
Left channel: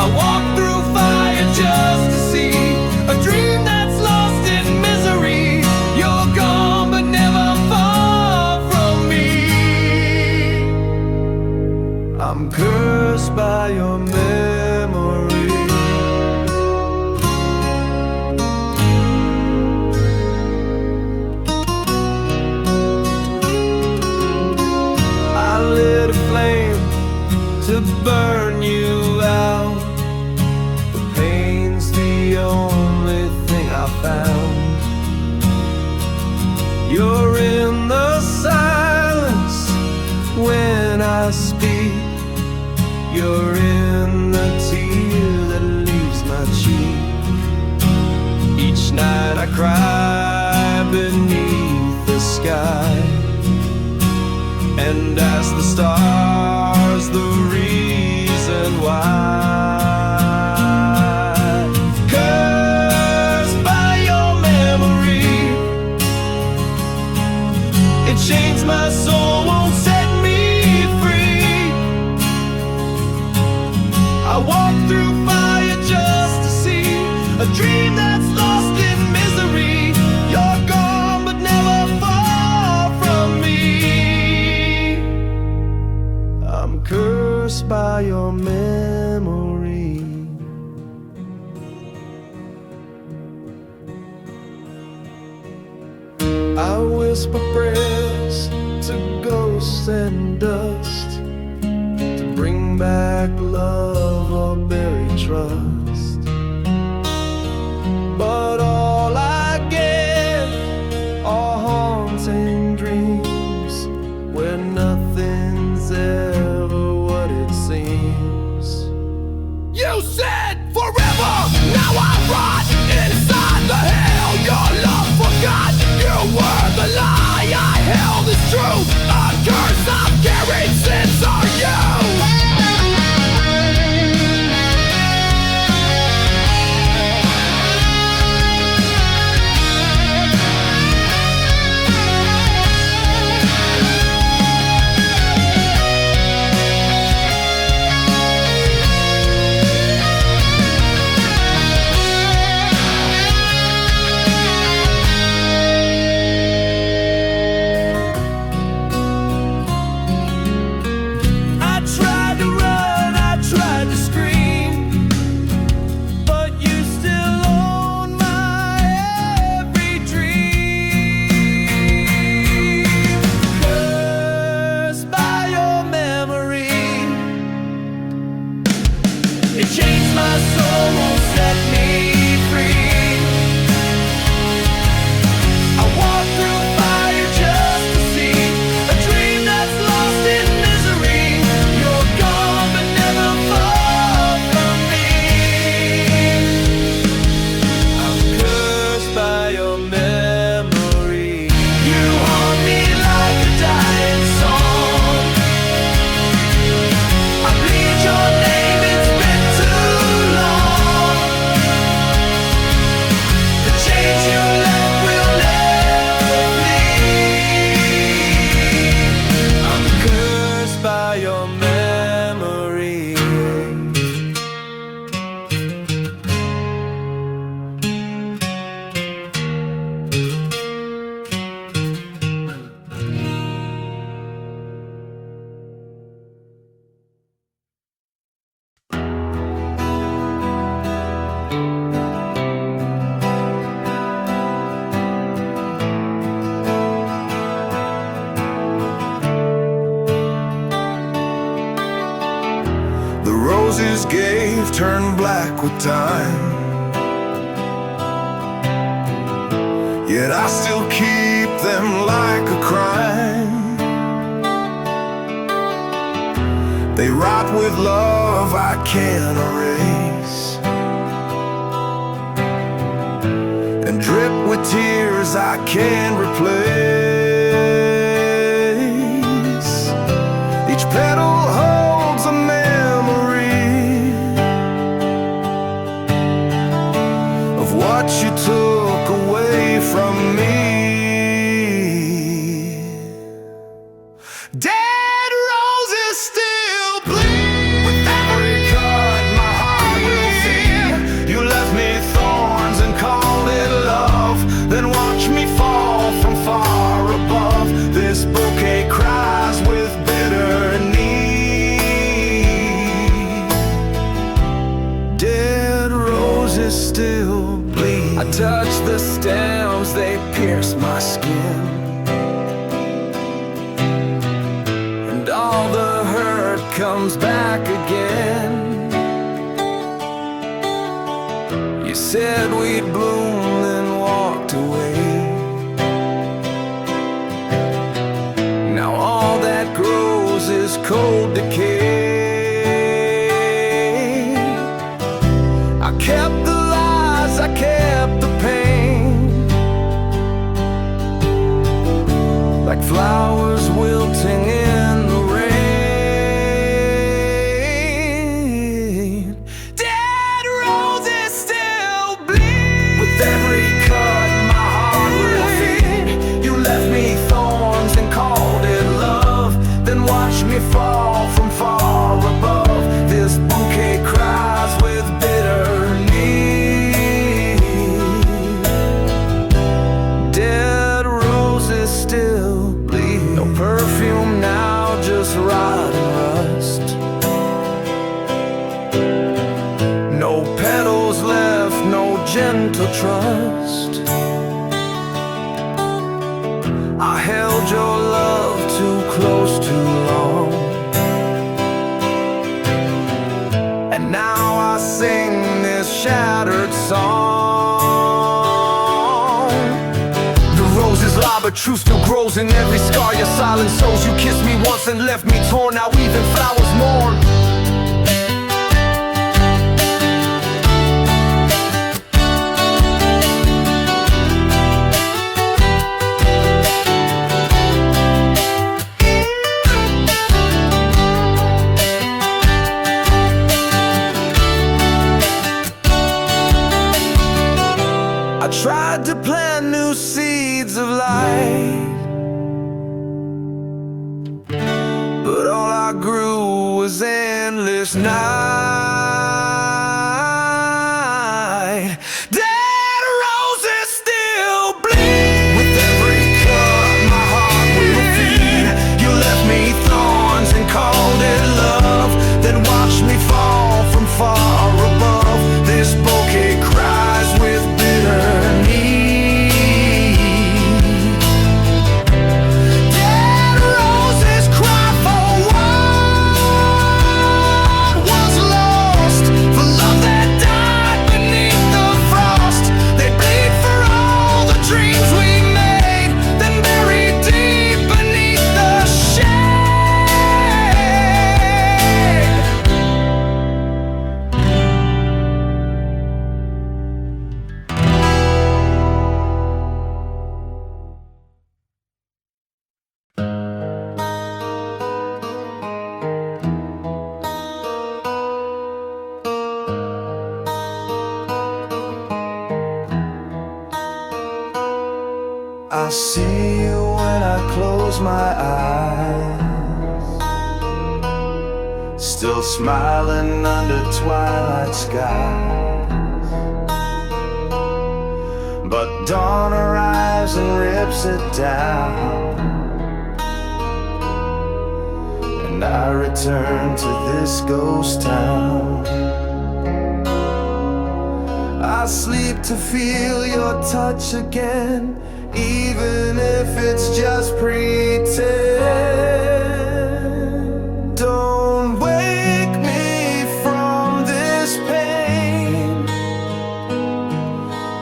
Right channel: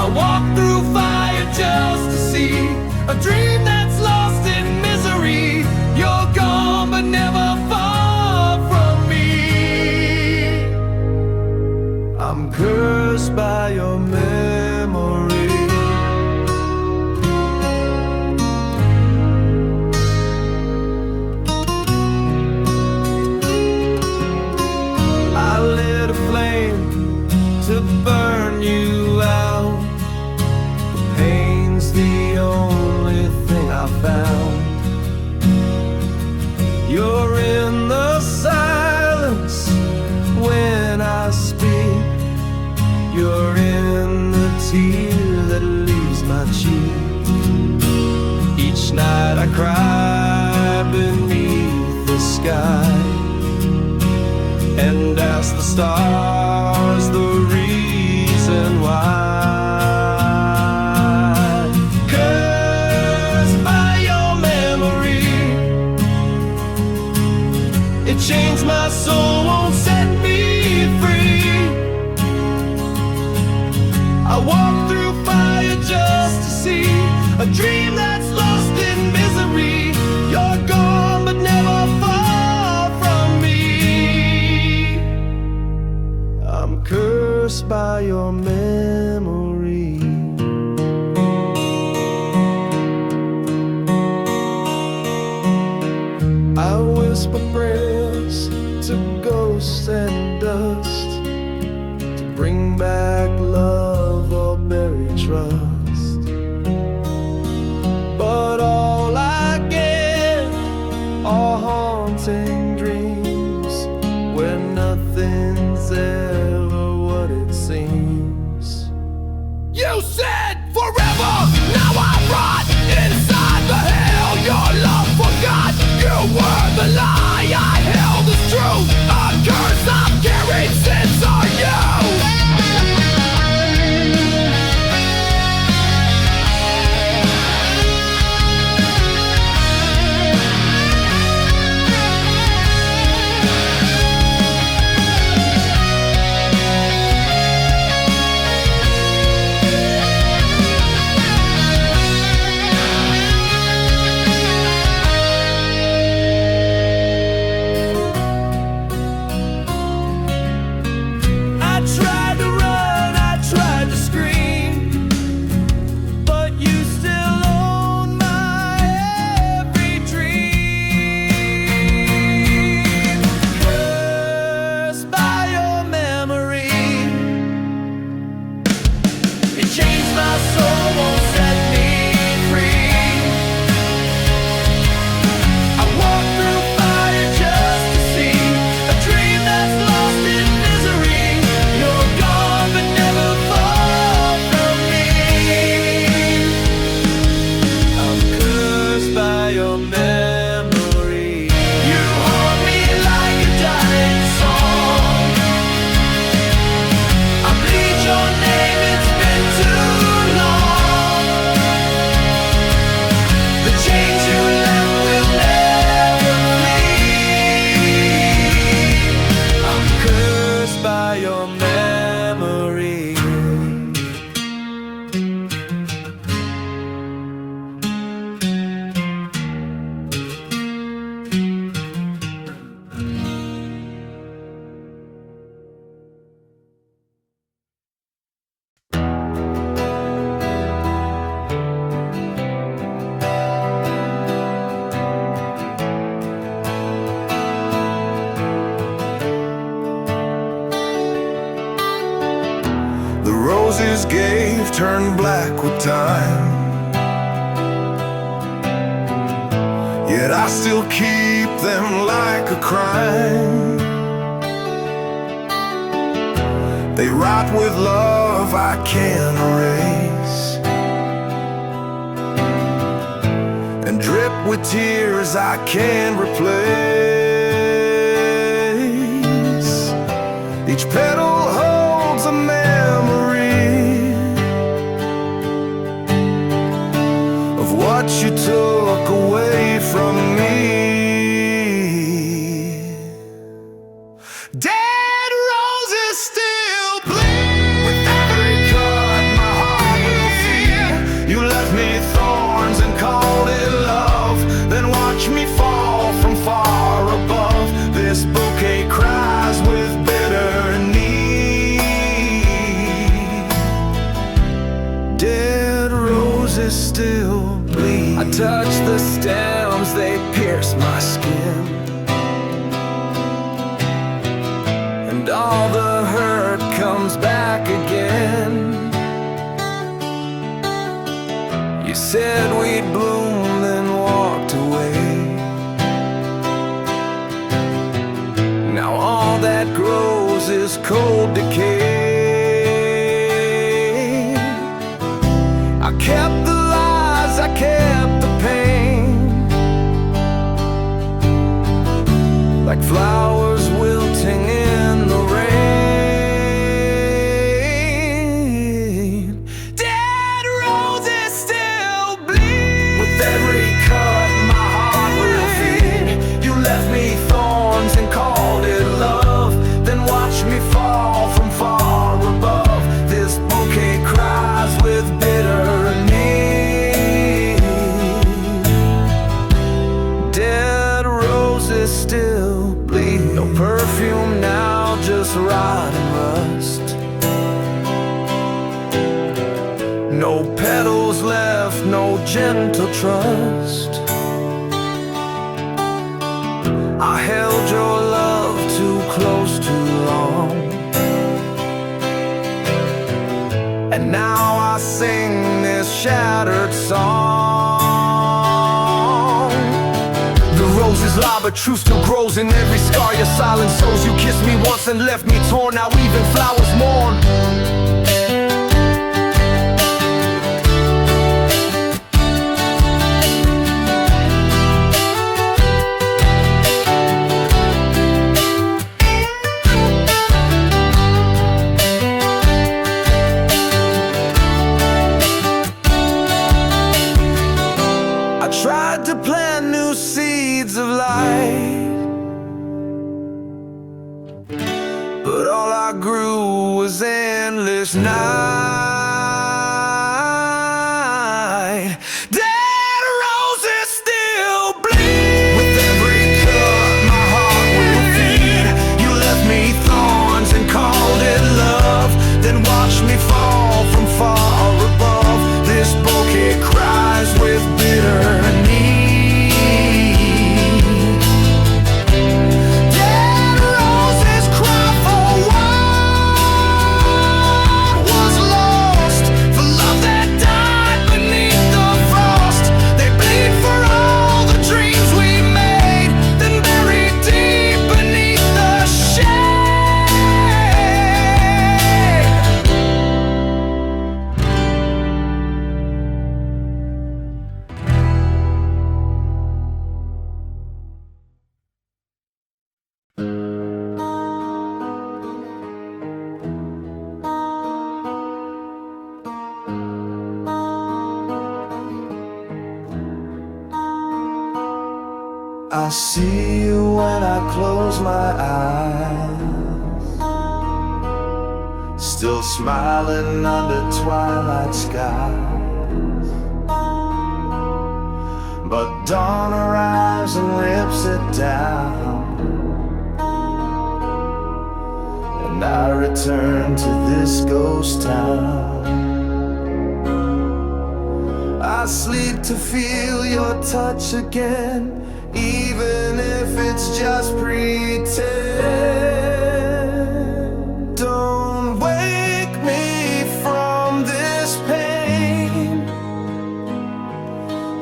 I walk through fire just to see a dream that's lost in misery. You're gone but never far from me. I'm cursed by your memory. I lit a flame to burn you out. The pain's the only thing I found. You're in the silence when I speak. You're in the tear that leaves my cheek. Each night I cry beneath the sky and ask the stars the reason why. Cursed by your memory, it chains my soul, won't set me free. I walk through fire just to see a dream that's lost in misery. You're gone but never far from me. I'm cursed by your memory. I whisper prayers to ghosts and dust, to bring back love or bury trust. But all I get are haunting dreams where nothing's ever what it seems. You said forever, now I rot inside the hell your love forgot. You were the lie I held as truth, a curse I've carried since are you. your memory. You haunt me like a dying song. I bleed your name, it's been too long. The chains you left will never flee. I'm cursed by your memory. The roses gave turned black with time, yet I still keep them like a crime. They rot with love I can't erase, and drip with tears I can't replace. Each petal holds a memory of what you took away from me. Dead roses still bleed. With every cut my heart will feel. You left me thorns and called it love, then watch me fall from far above. This bouquet cries with bitter need. Dead roses still bleed. I touch the stems, they pierce my skin, and all the hurt comes back again. You said we'd bloom, then walked away. Now all that grows is cold decay. I kept the lies, I kept the pain, like flowers wilting in the rain. Dead roses still bleed. With every cut my heart will feed. You left me thorns and called it love, then watched me fall from far above. This bouquet cries with bitter need. Dead roses still bleed. No perfume now, just rot and rust. No petals left, no gentle trust. I held your love too close too long, and now I sing this shattered song. The roses lie, but truth still grows in every scar. Your silent souls, you kissed me once and left me torn. Now even flowers mourn. I tried to plant new seeds of light, but all I grew was endless night. Dead roses still bleed. With every cut my heart will feed. You left me thorns and called it love, then watched me fall from far above. This bouquet cries with bitter need. Dead roses cry for what was lost, for love that died beneath the frost. They bleed for all the dreams we made, then buried deep beneath the shade. I see you when I close my eyes, still smiling under twilight skies. But dawn arrives and rips it down, and I return to this ghost town. I sleep to feel your touch again, even if it's just pretend. Don't wake me from this pain.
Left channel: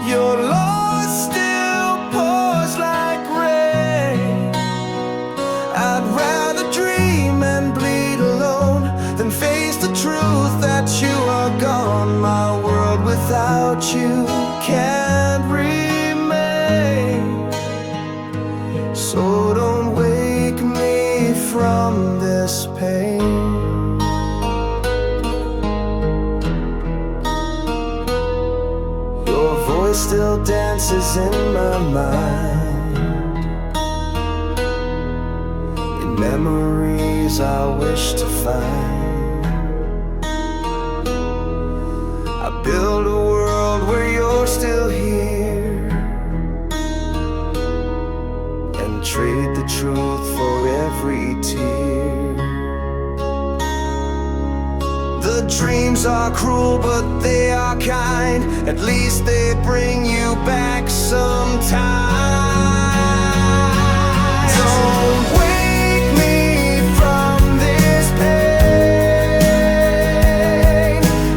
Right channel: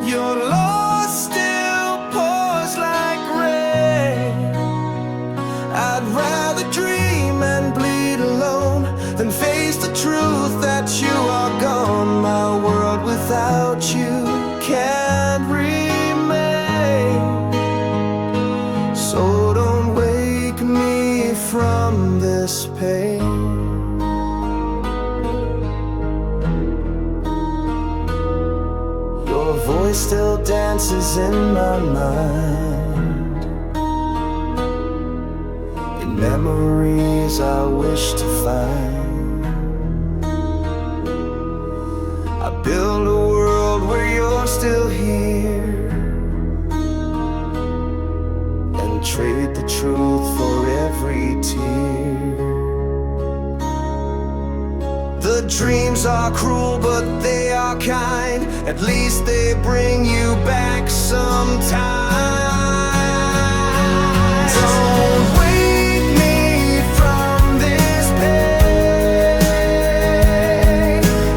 Your loss still pours like rain. I'd rather dream and bleed alone than face the truth that you are gone. My world without you can't remain. So don't wake me from this pain. Your voice still dances in my mind, in memories I wish to find. I build a world where you're still here, and trade the truth for every tear. The dreams are cruel, but they are kind. At least they bring you back sometime. Don't wake me from this pain.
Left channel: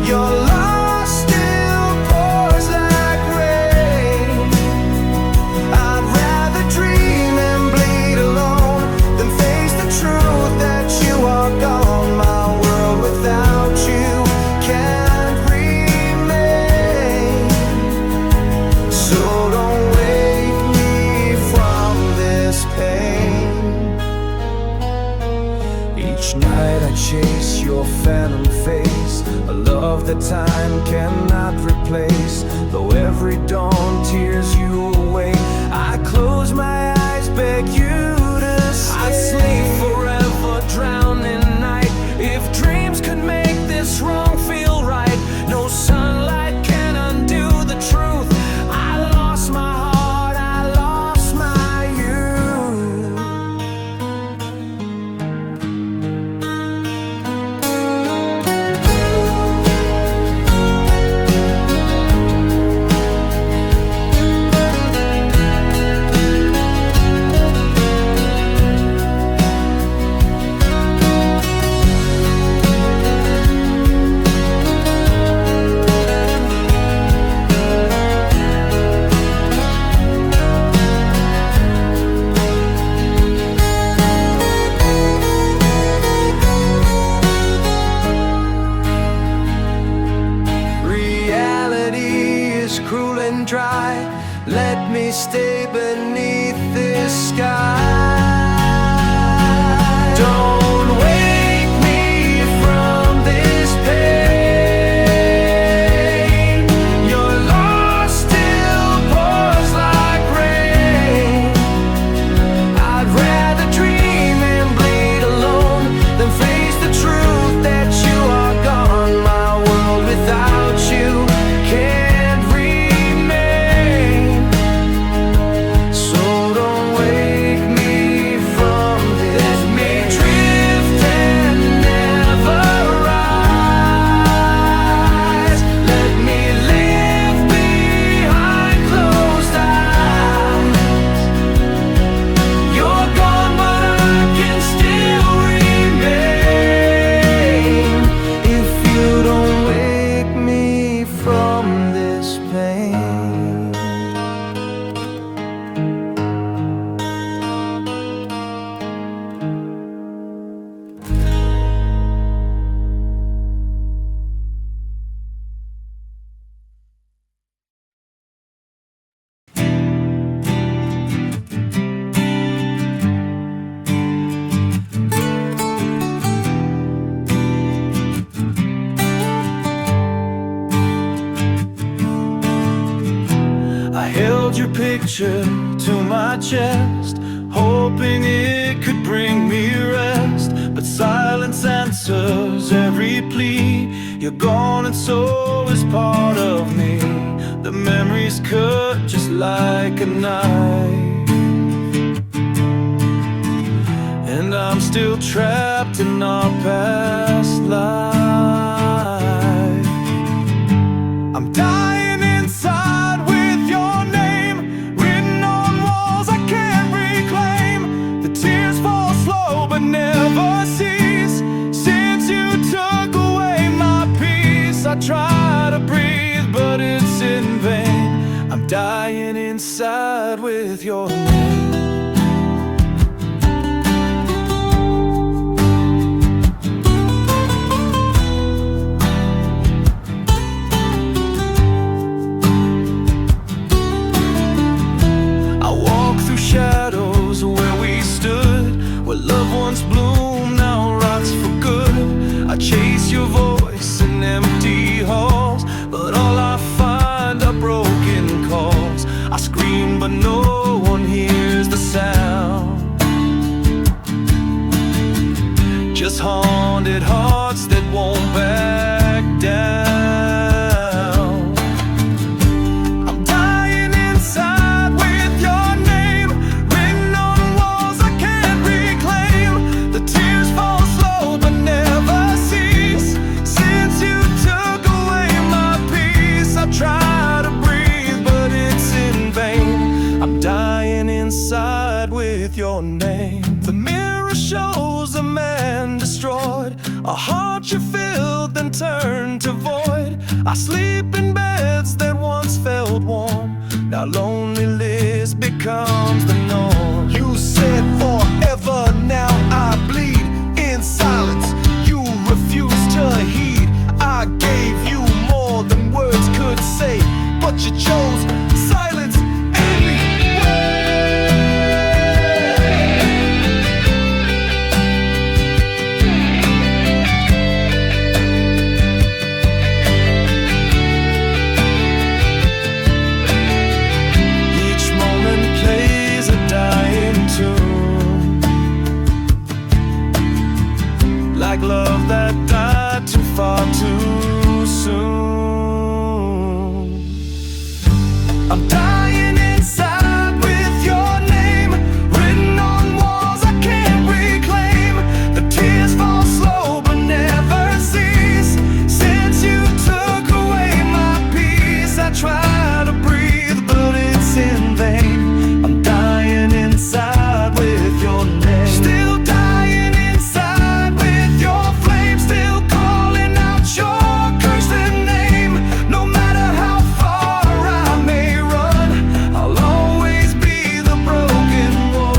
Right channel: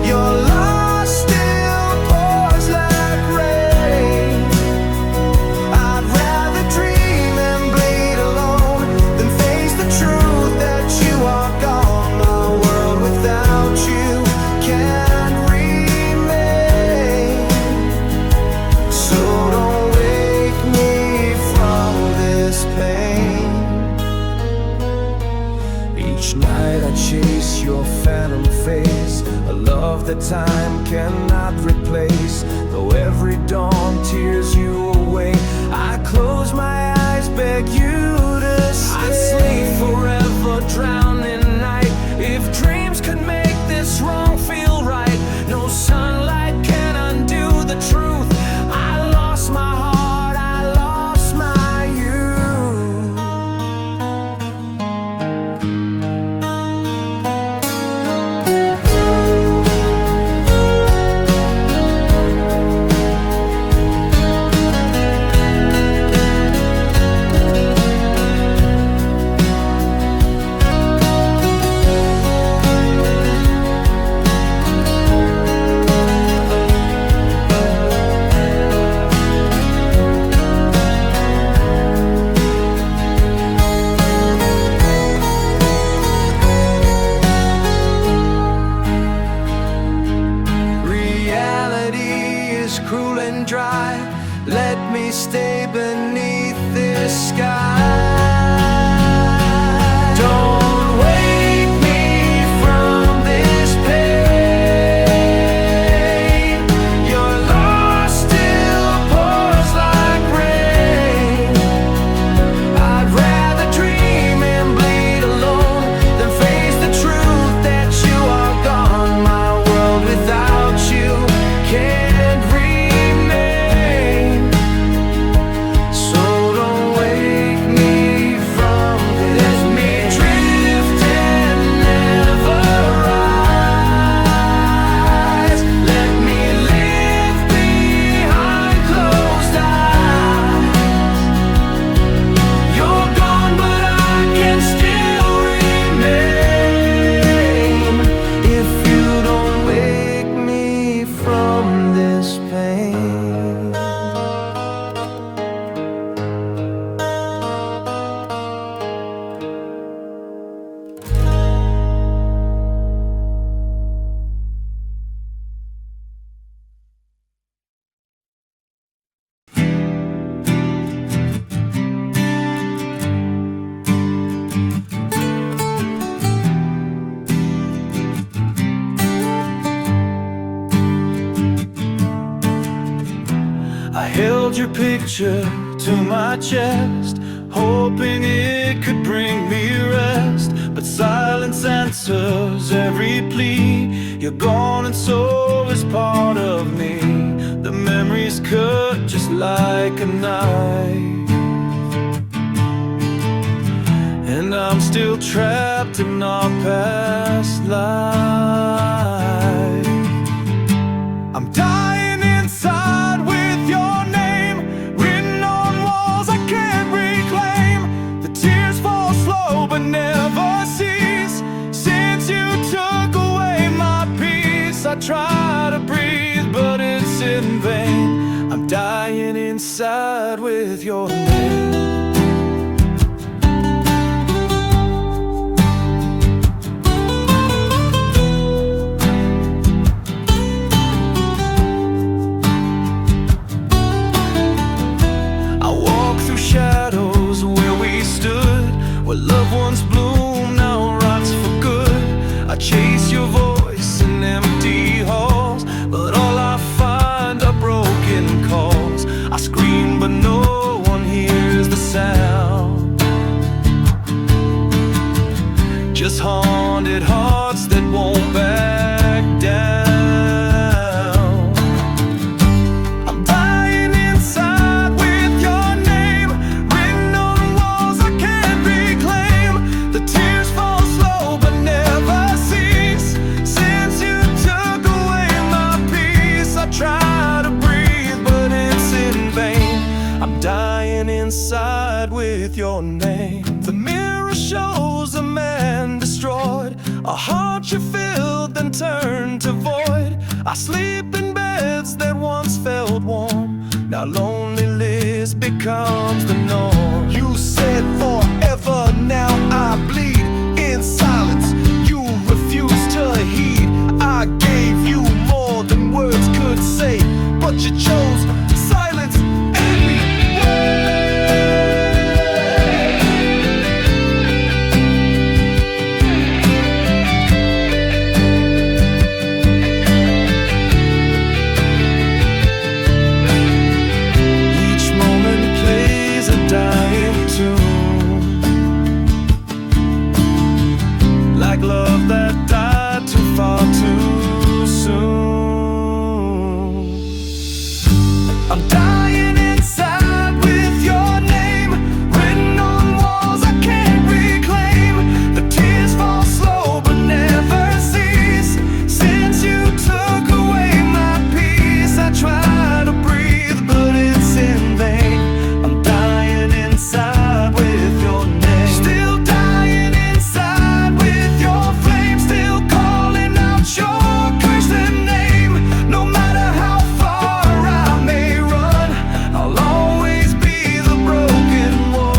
Your loss still pours like rain. I'd rather dream and bleed alone than face the truth that you are gone. My world without you can't remain. So don't wake me from this pain. Each night I chase your phantom face, a love that time cannot replace. Though every dawn tears you away, I close my eyes, beg you to stay. I'd sleep forever, drown in night, if dreams could make this wrong feel right. No sunlight can undo the truth. I lost my heart, I lost my youth. Reality is cruel and dry. Let me stay beneath this sky. Don't wake me from this pain. Your loss still pours like rain. I'd rather dream and bleed alone than face the truth that you are gone. My world without you can't remain. So don't wake me from held your picture to my chest, hoping it could bring me rest. But silence answers every plea. You're gone and so is part of me. The memories cut just like a knife, and I'm still trapped in our past life. I'm dying inside with your name written on walls I can't reclaim. The tears fall slow but never cease. Since you took away my peace, I try to breathe but it's in vain. I'm dying inside with your name. Shadows where we stood, where loved ones bloom now rots for good. I chase your voice in empty halls, but all I find are broken calls. I scream but no one hears the sound, just haunted hearts that won't back down. I'm dying inside dying inside with your name. The mirror shows a man destroyed, a heart you filled then turned to void. I sleep in beds that once felt warm, now loneliness becomes the norm. You said forever, now I bleed in silence. You refuse to heed. I gave you more than words could say, but you chose silence anyway. Each moment plays a dying tune, like love that died too far too soon. I'm dying inside with your name written on walls I can't reclaim. The tears fall slow but never cease. Since you took away my peace, I try to breathe but it's in vain. I'm dying inside with your name. Still dying inside with your flame. Still calling out your cursed name. No matter how far I may run, I'll always be the broken one.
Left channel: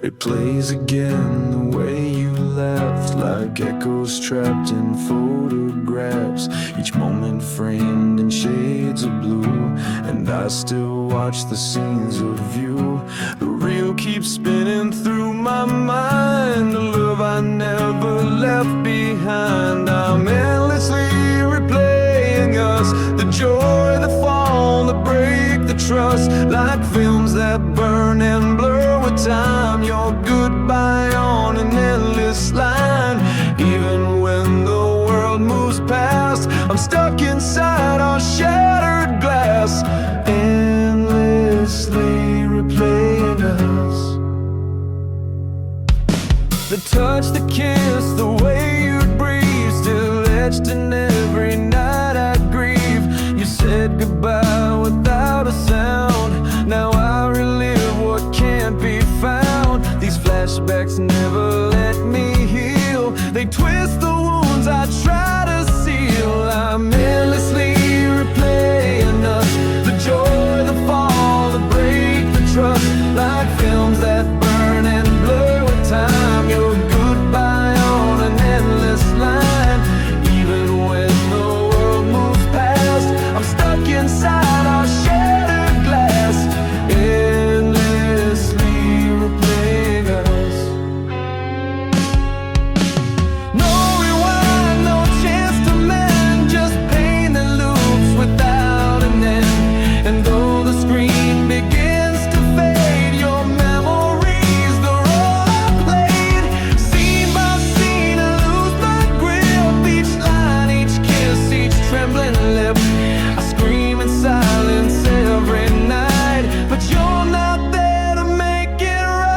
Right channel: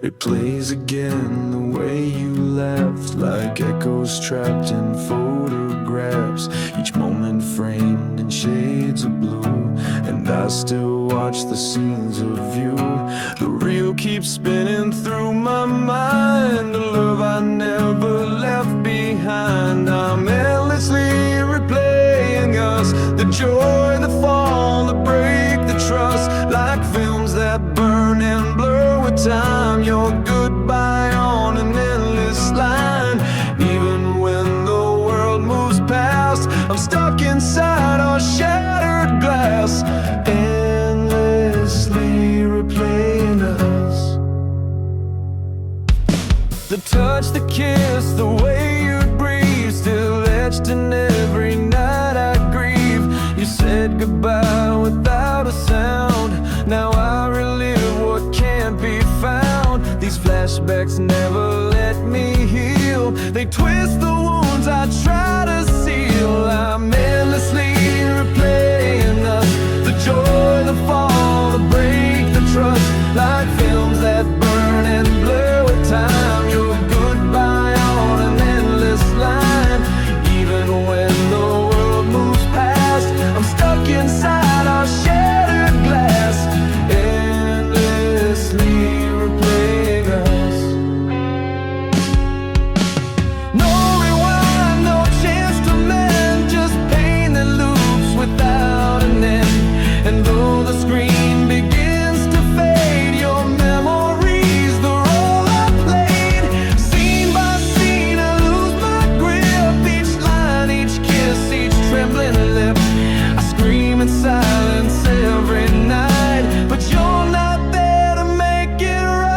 It plays again the way you left, like echoes trapped in photographs, each moment framed in shades of blue. And I still watch the scenes of you. The reel keeps spinning through my mind, a love I never left behind. I'm endlessly replaying us, the joy, the fall, the break, the trust, like films that burn and blur with time. Your goodbye on an endless line. Even when the world moves past, I'm stuck inside our shattered glass, endlessly replaying us. The touch, the kiss, the way you'd breathe, still etched in every night I grieve. You said goodbye without a sound. Now I relive what can't be found. These flashbacks never let me heal. They twist the wounds I try to seal. I'm endlessly replaying us, the joy, the fall, the break, the trust. Like films that burn and blur with time. Your goodbye on an endless line. Even when the world moves past, I'm stuck inside our shattered glass, endlessly replaying us. No rewind, no chance to mend, just pain that loops without an end. And though the screen begins to fade, your memories, the role I played. Scene by scene, I lose my grip. Each line, each kiss, each trembling lip. I scream in silence every night, but you're not there to make it right.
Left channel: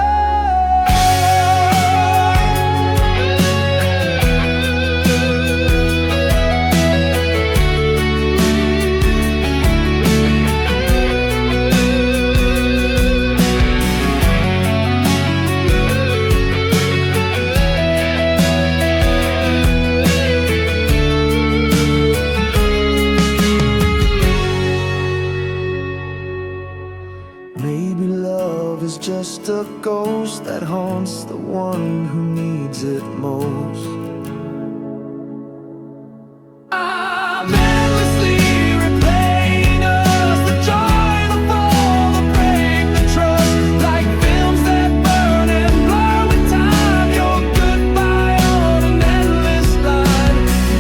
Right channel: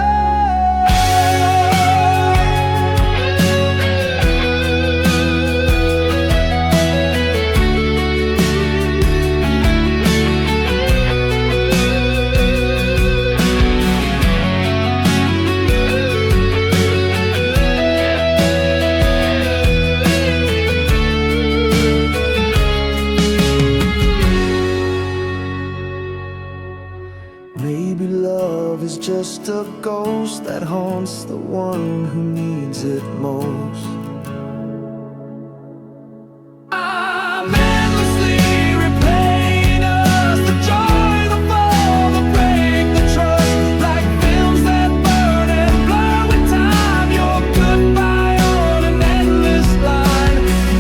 Maybe love is just a ghost that haunts the one who needs it most. I'm endlessly replaying us, the joy, the fall, the break, the trust. Like films that burn and blur with time. Your goodbye on an endless line.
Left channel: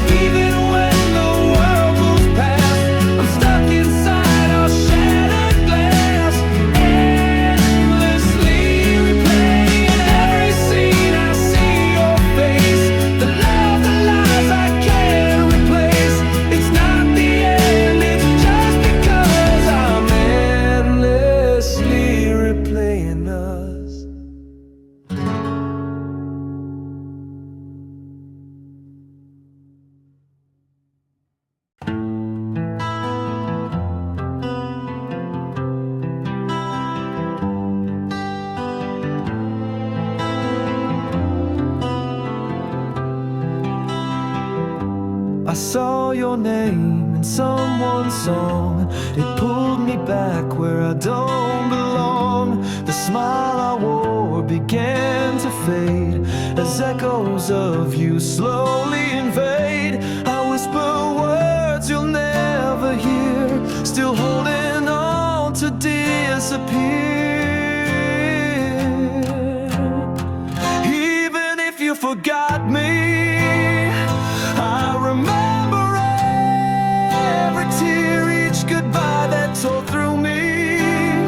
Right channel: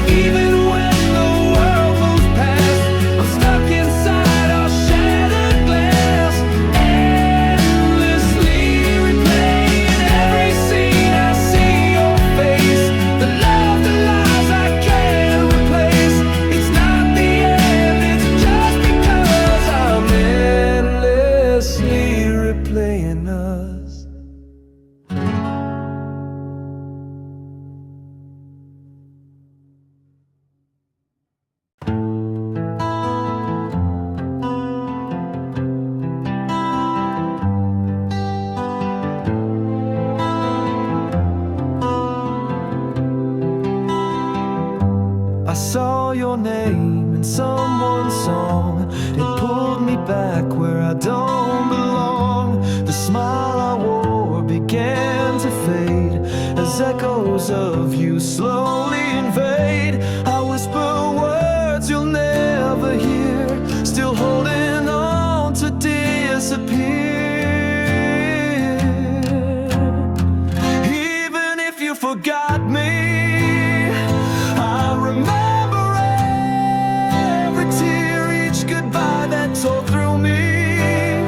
Even when the world moves past, I'm stuck inside our shattered glass, endlessly replaying every scene. I see your face, the love, the lies I can't replace. It's not the end, it's just because I'm endlessly replaying us. I saw your name in someone's song. It pulled me back where I don't belong. The smile I wore began to fade as echoes of you slowly invade. I whisper words you'll never hear, still holding on to disappear. Even if you forgot me, I remember every tear, each goodbye that tore through me.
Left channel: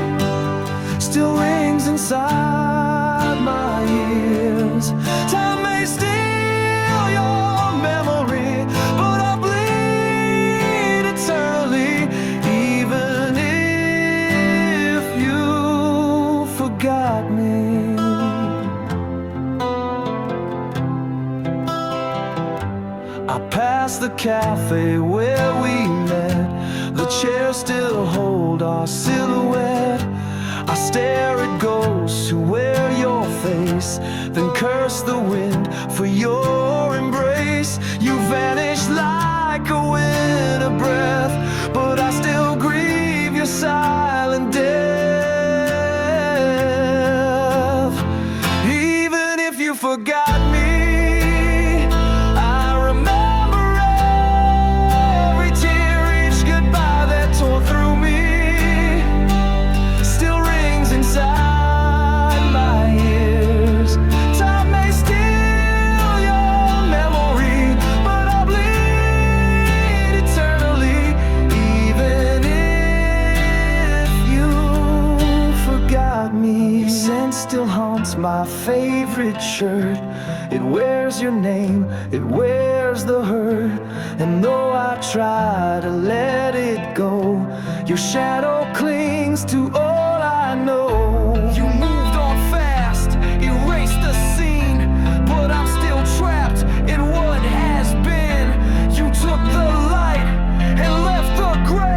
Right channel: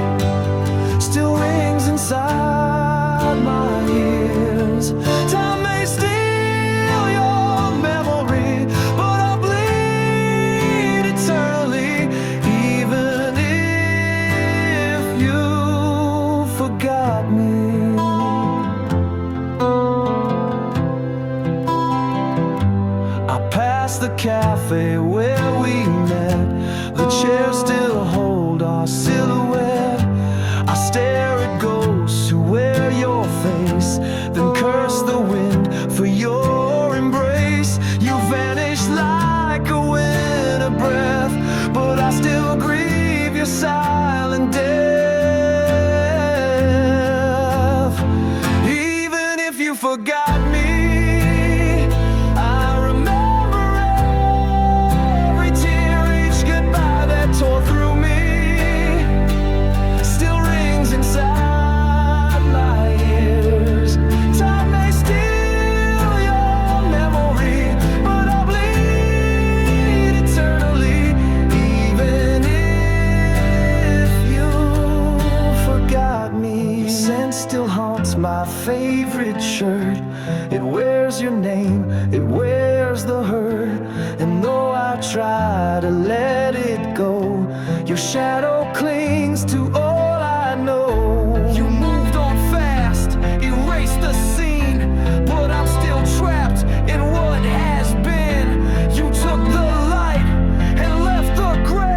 Still rings inside my ears. Time may steal your memory, but I'll bleed eternally. Even if you forgot me. I passed the cafe where we met. The chairs still hold our silhouette. I stare at ghosts who wear your face, then curse the wind for your embrace. You vanish like a winter breath, but I still grieve your silent death. Even if you forgot me, tore through me, still rings inside my ears. Time may steal your memory, but I'll bleed eternally. Even if you forgot me. Your scent still haunts my favorite shirt. It wears your name, it wears the hurt. And though I try to let it go, your shadow clings to all I know. You moved on fast, erased the scene, but I'm still trapped in what has been. You took the light and left the grave.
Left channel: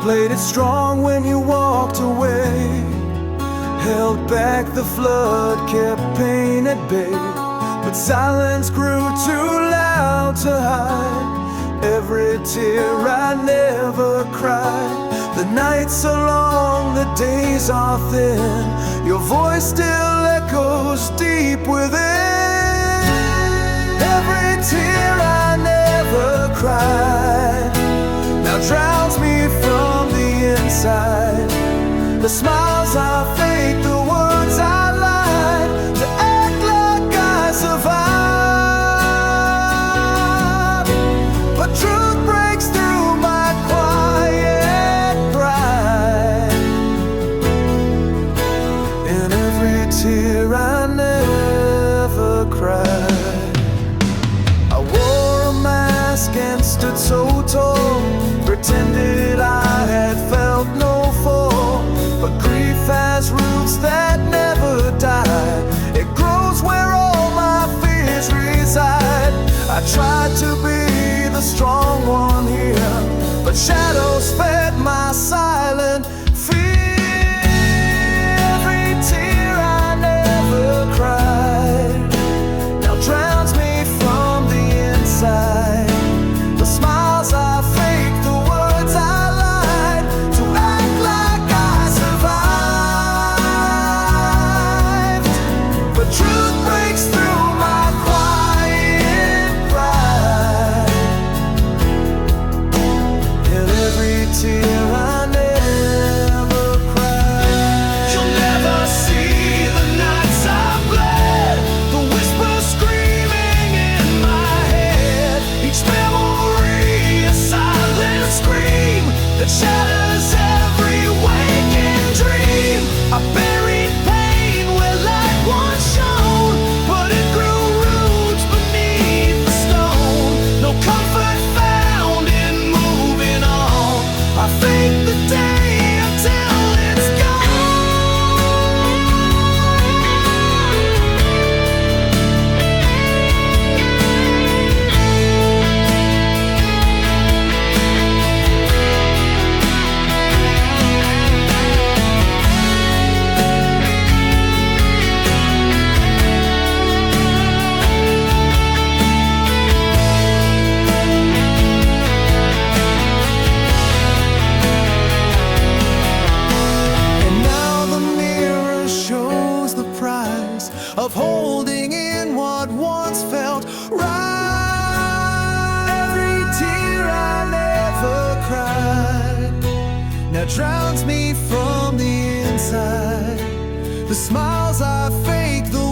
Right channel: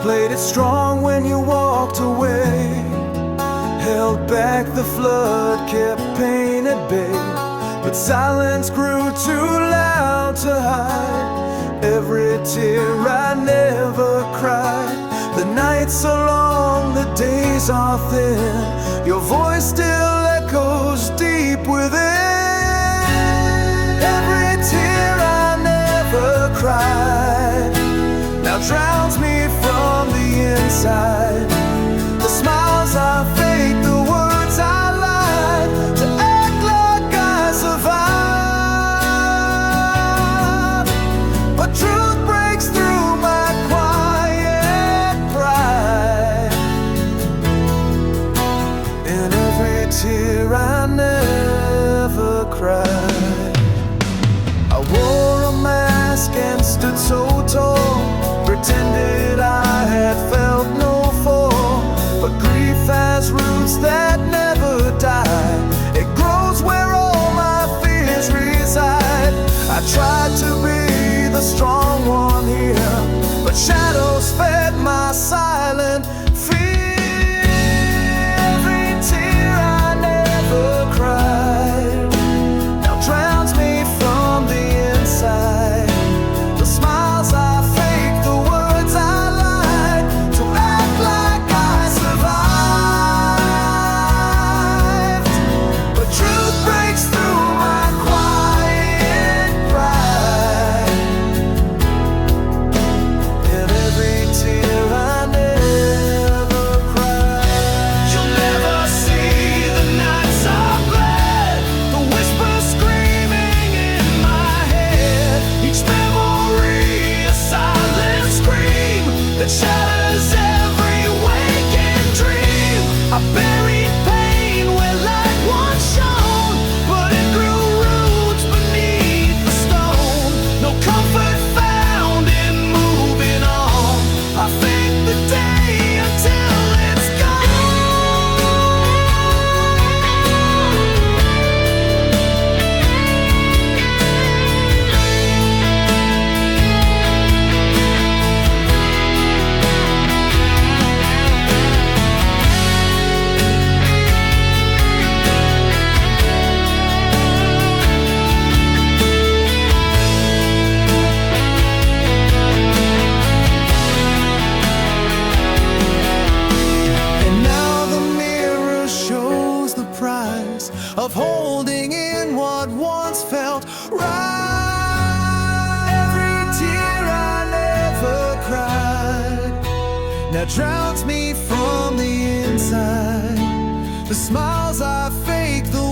Played it strong when you walked away, held back the flood, kept pain at bay. But silence grew too loud to hide every tear I never cried. The nights are long, the days are thin, your voice still echoes deep within. Every tear I never cried now drowns me from the inside. The smiles I fake, the words I lied to act like I survived. But truth breaks through my quiet pride. In every tear I never cried. I wore a mask and stood so tall, pretended I had felt no fall. But grief has roots that never die. It grows where all my fears reside. I tried to be the strong one here, but shadows fed my silent fear. Every tear I never cried now drowns me from the inside. The smiles I fake, the words I lied to act like I survived. But truth breaks through my quiet pride. In every tear I never cried. You'll never see the nights I bled, the whispers screaming in my head. Each memory a silent scream that shatters every waking dream. I buried pain where light once shone, but it grew roots beneath the stone. No comfort found in moving on. I fake the day until it's price of holding in what once felt right. Every tear I never cried now drowns me from the inside. The smiles I fake, the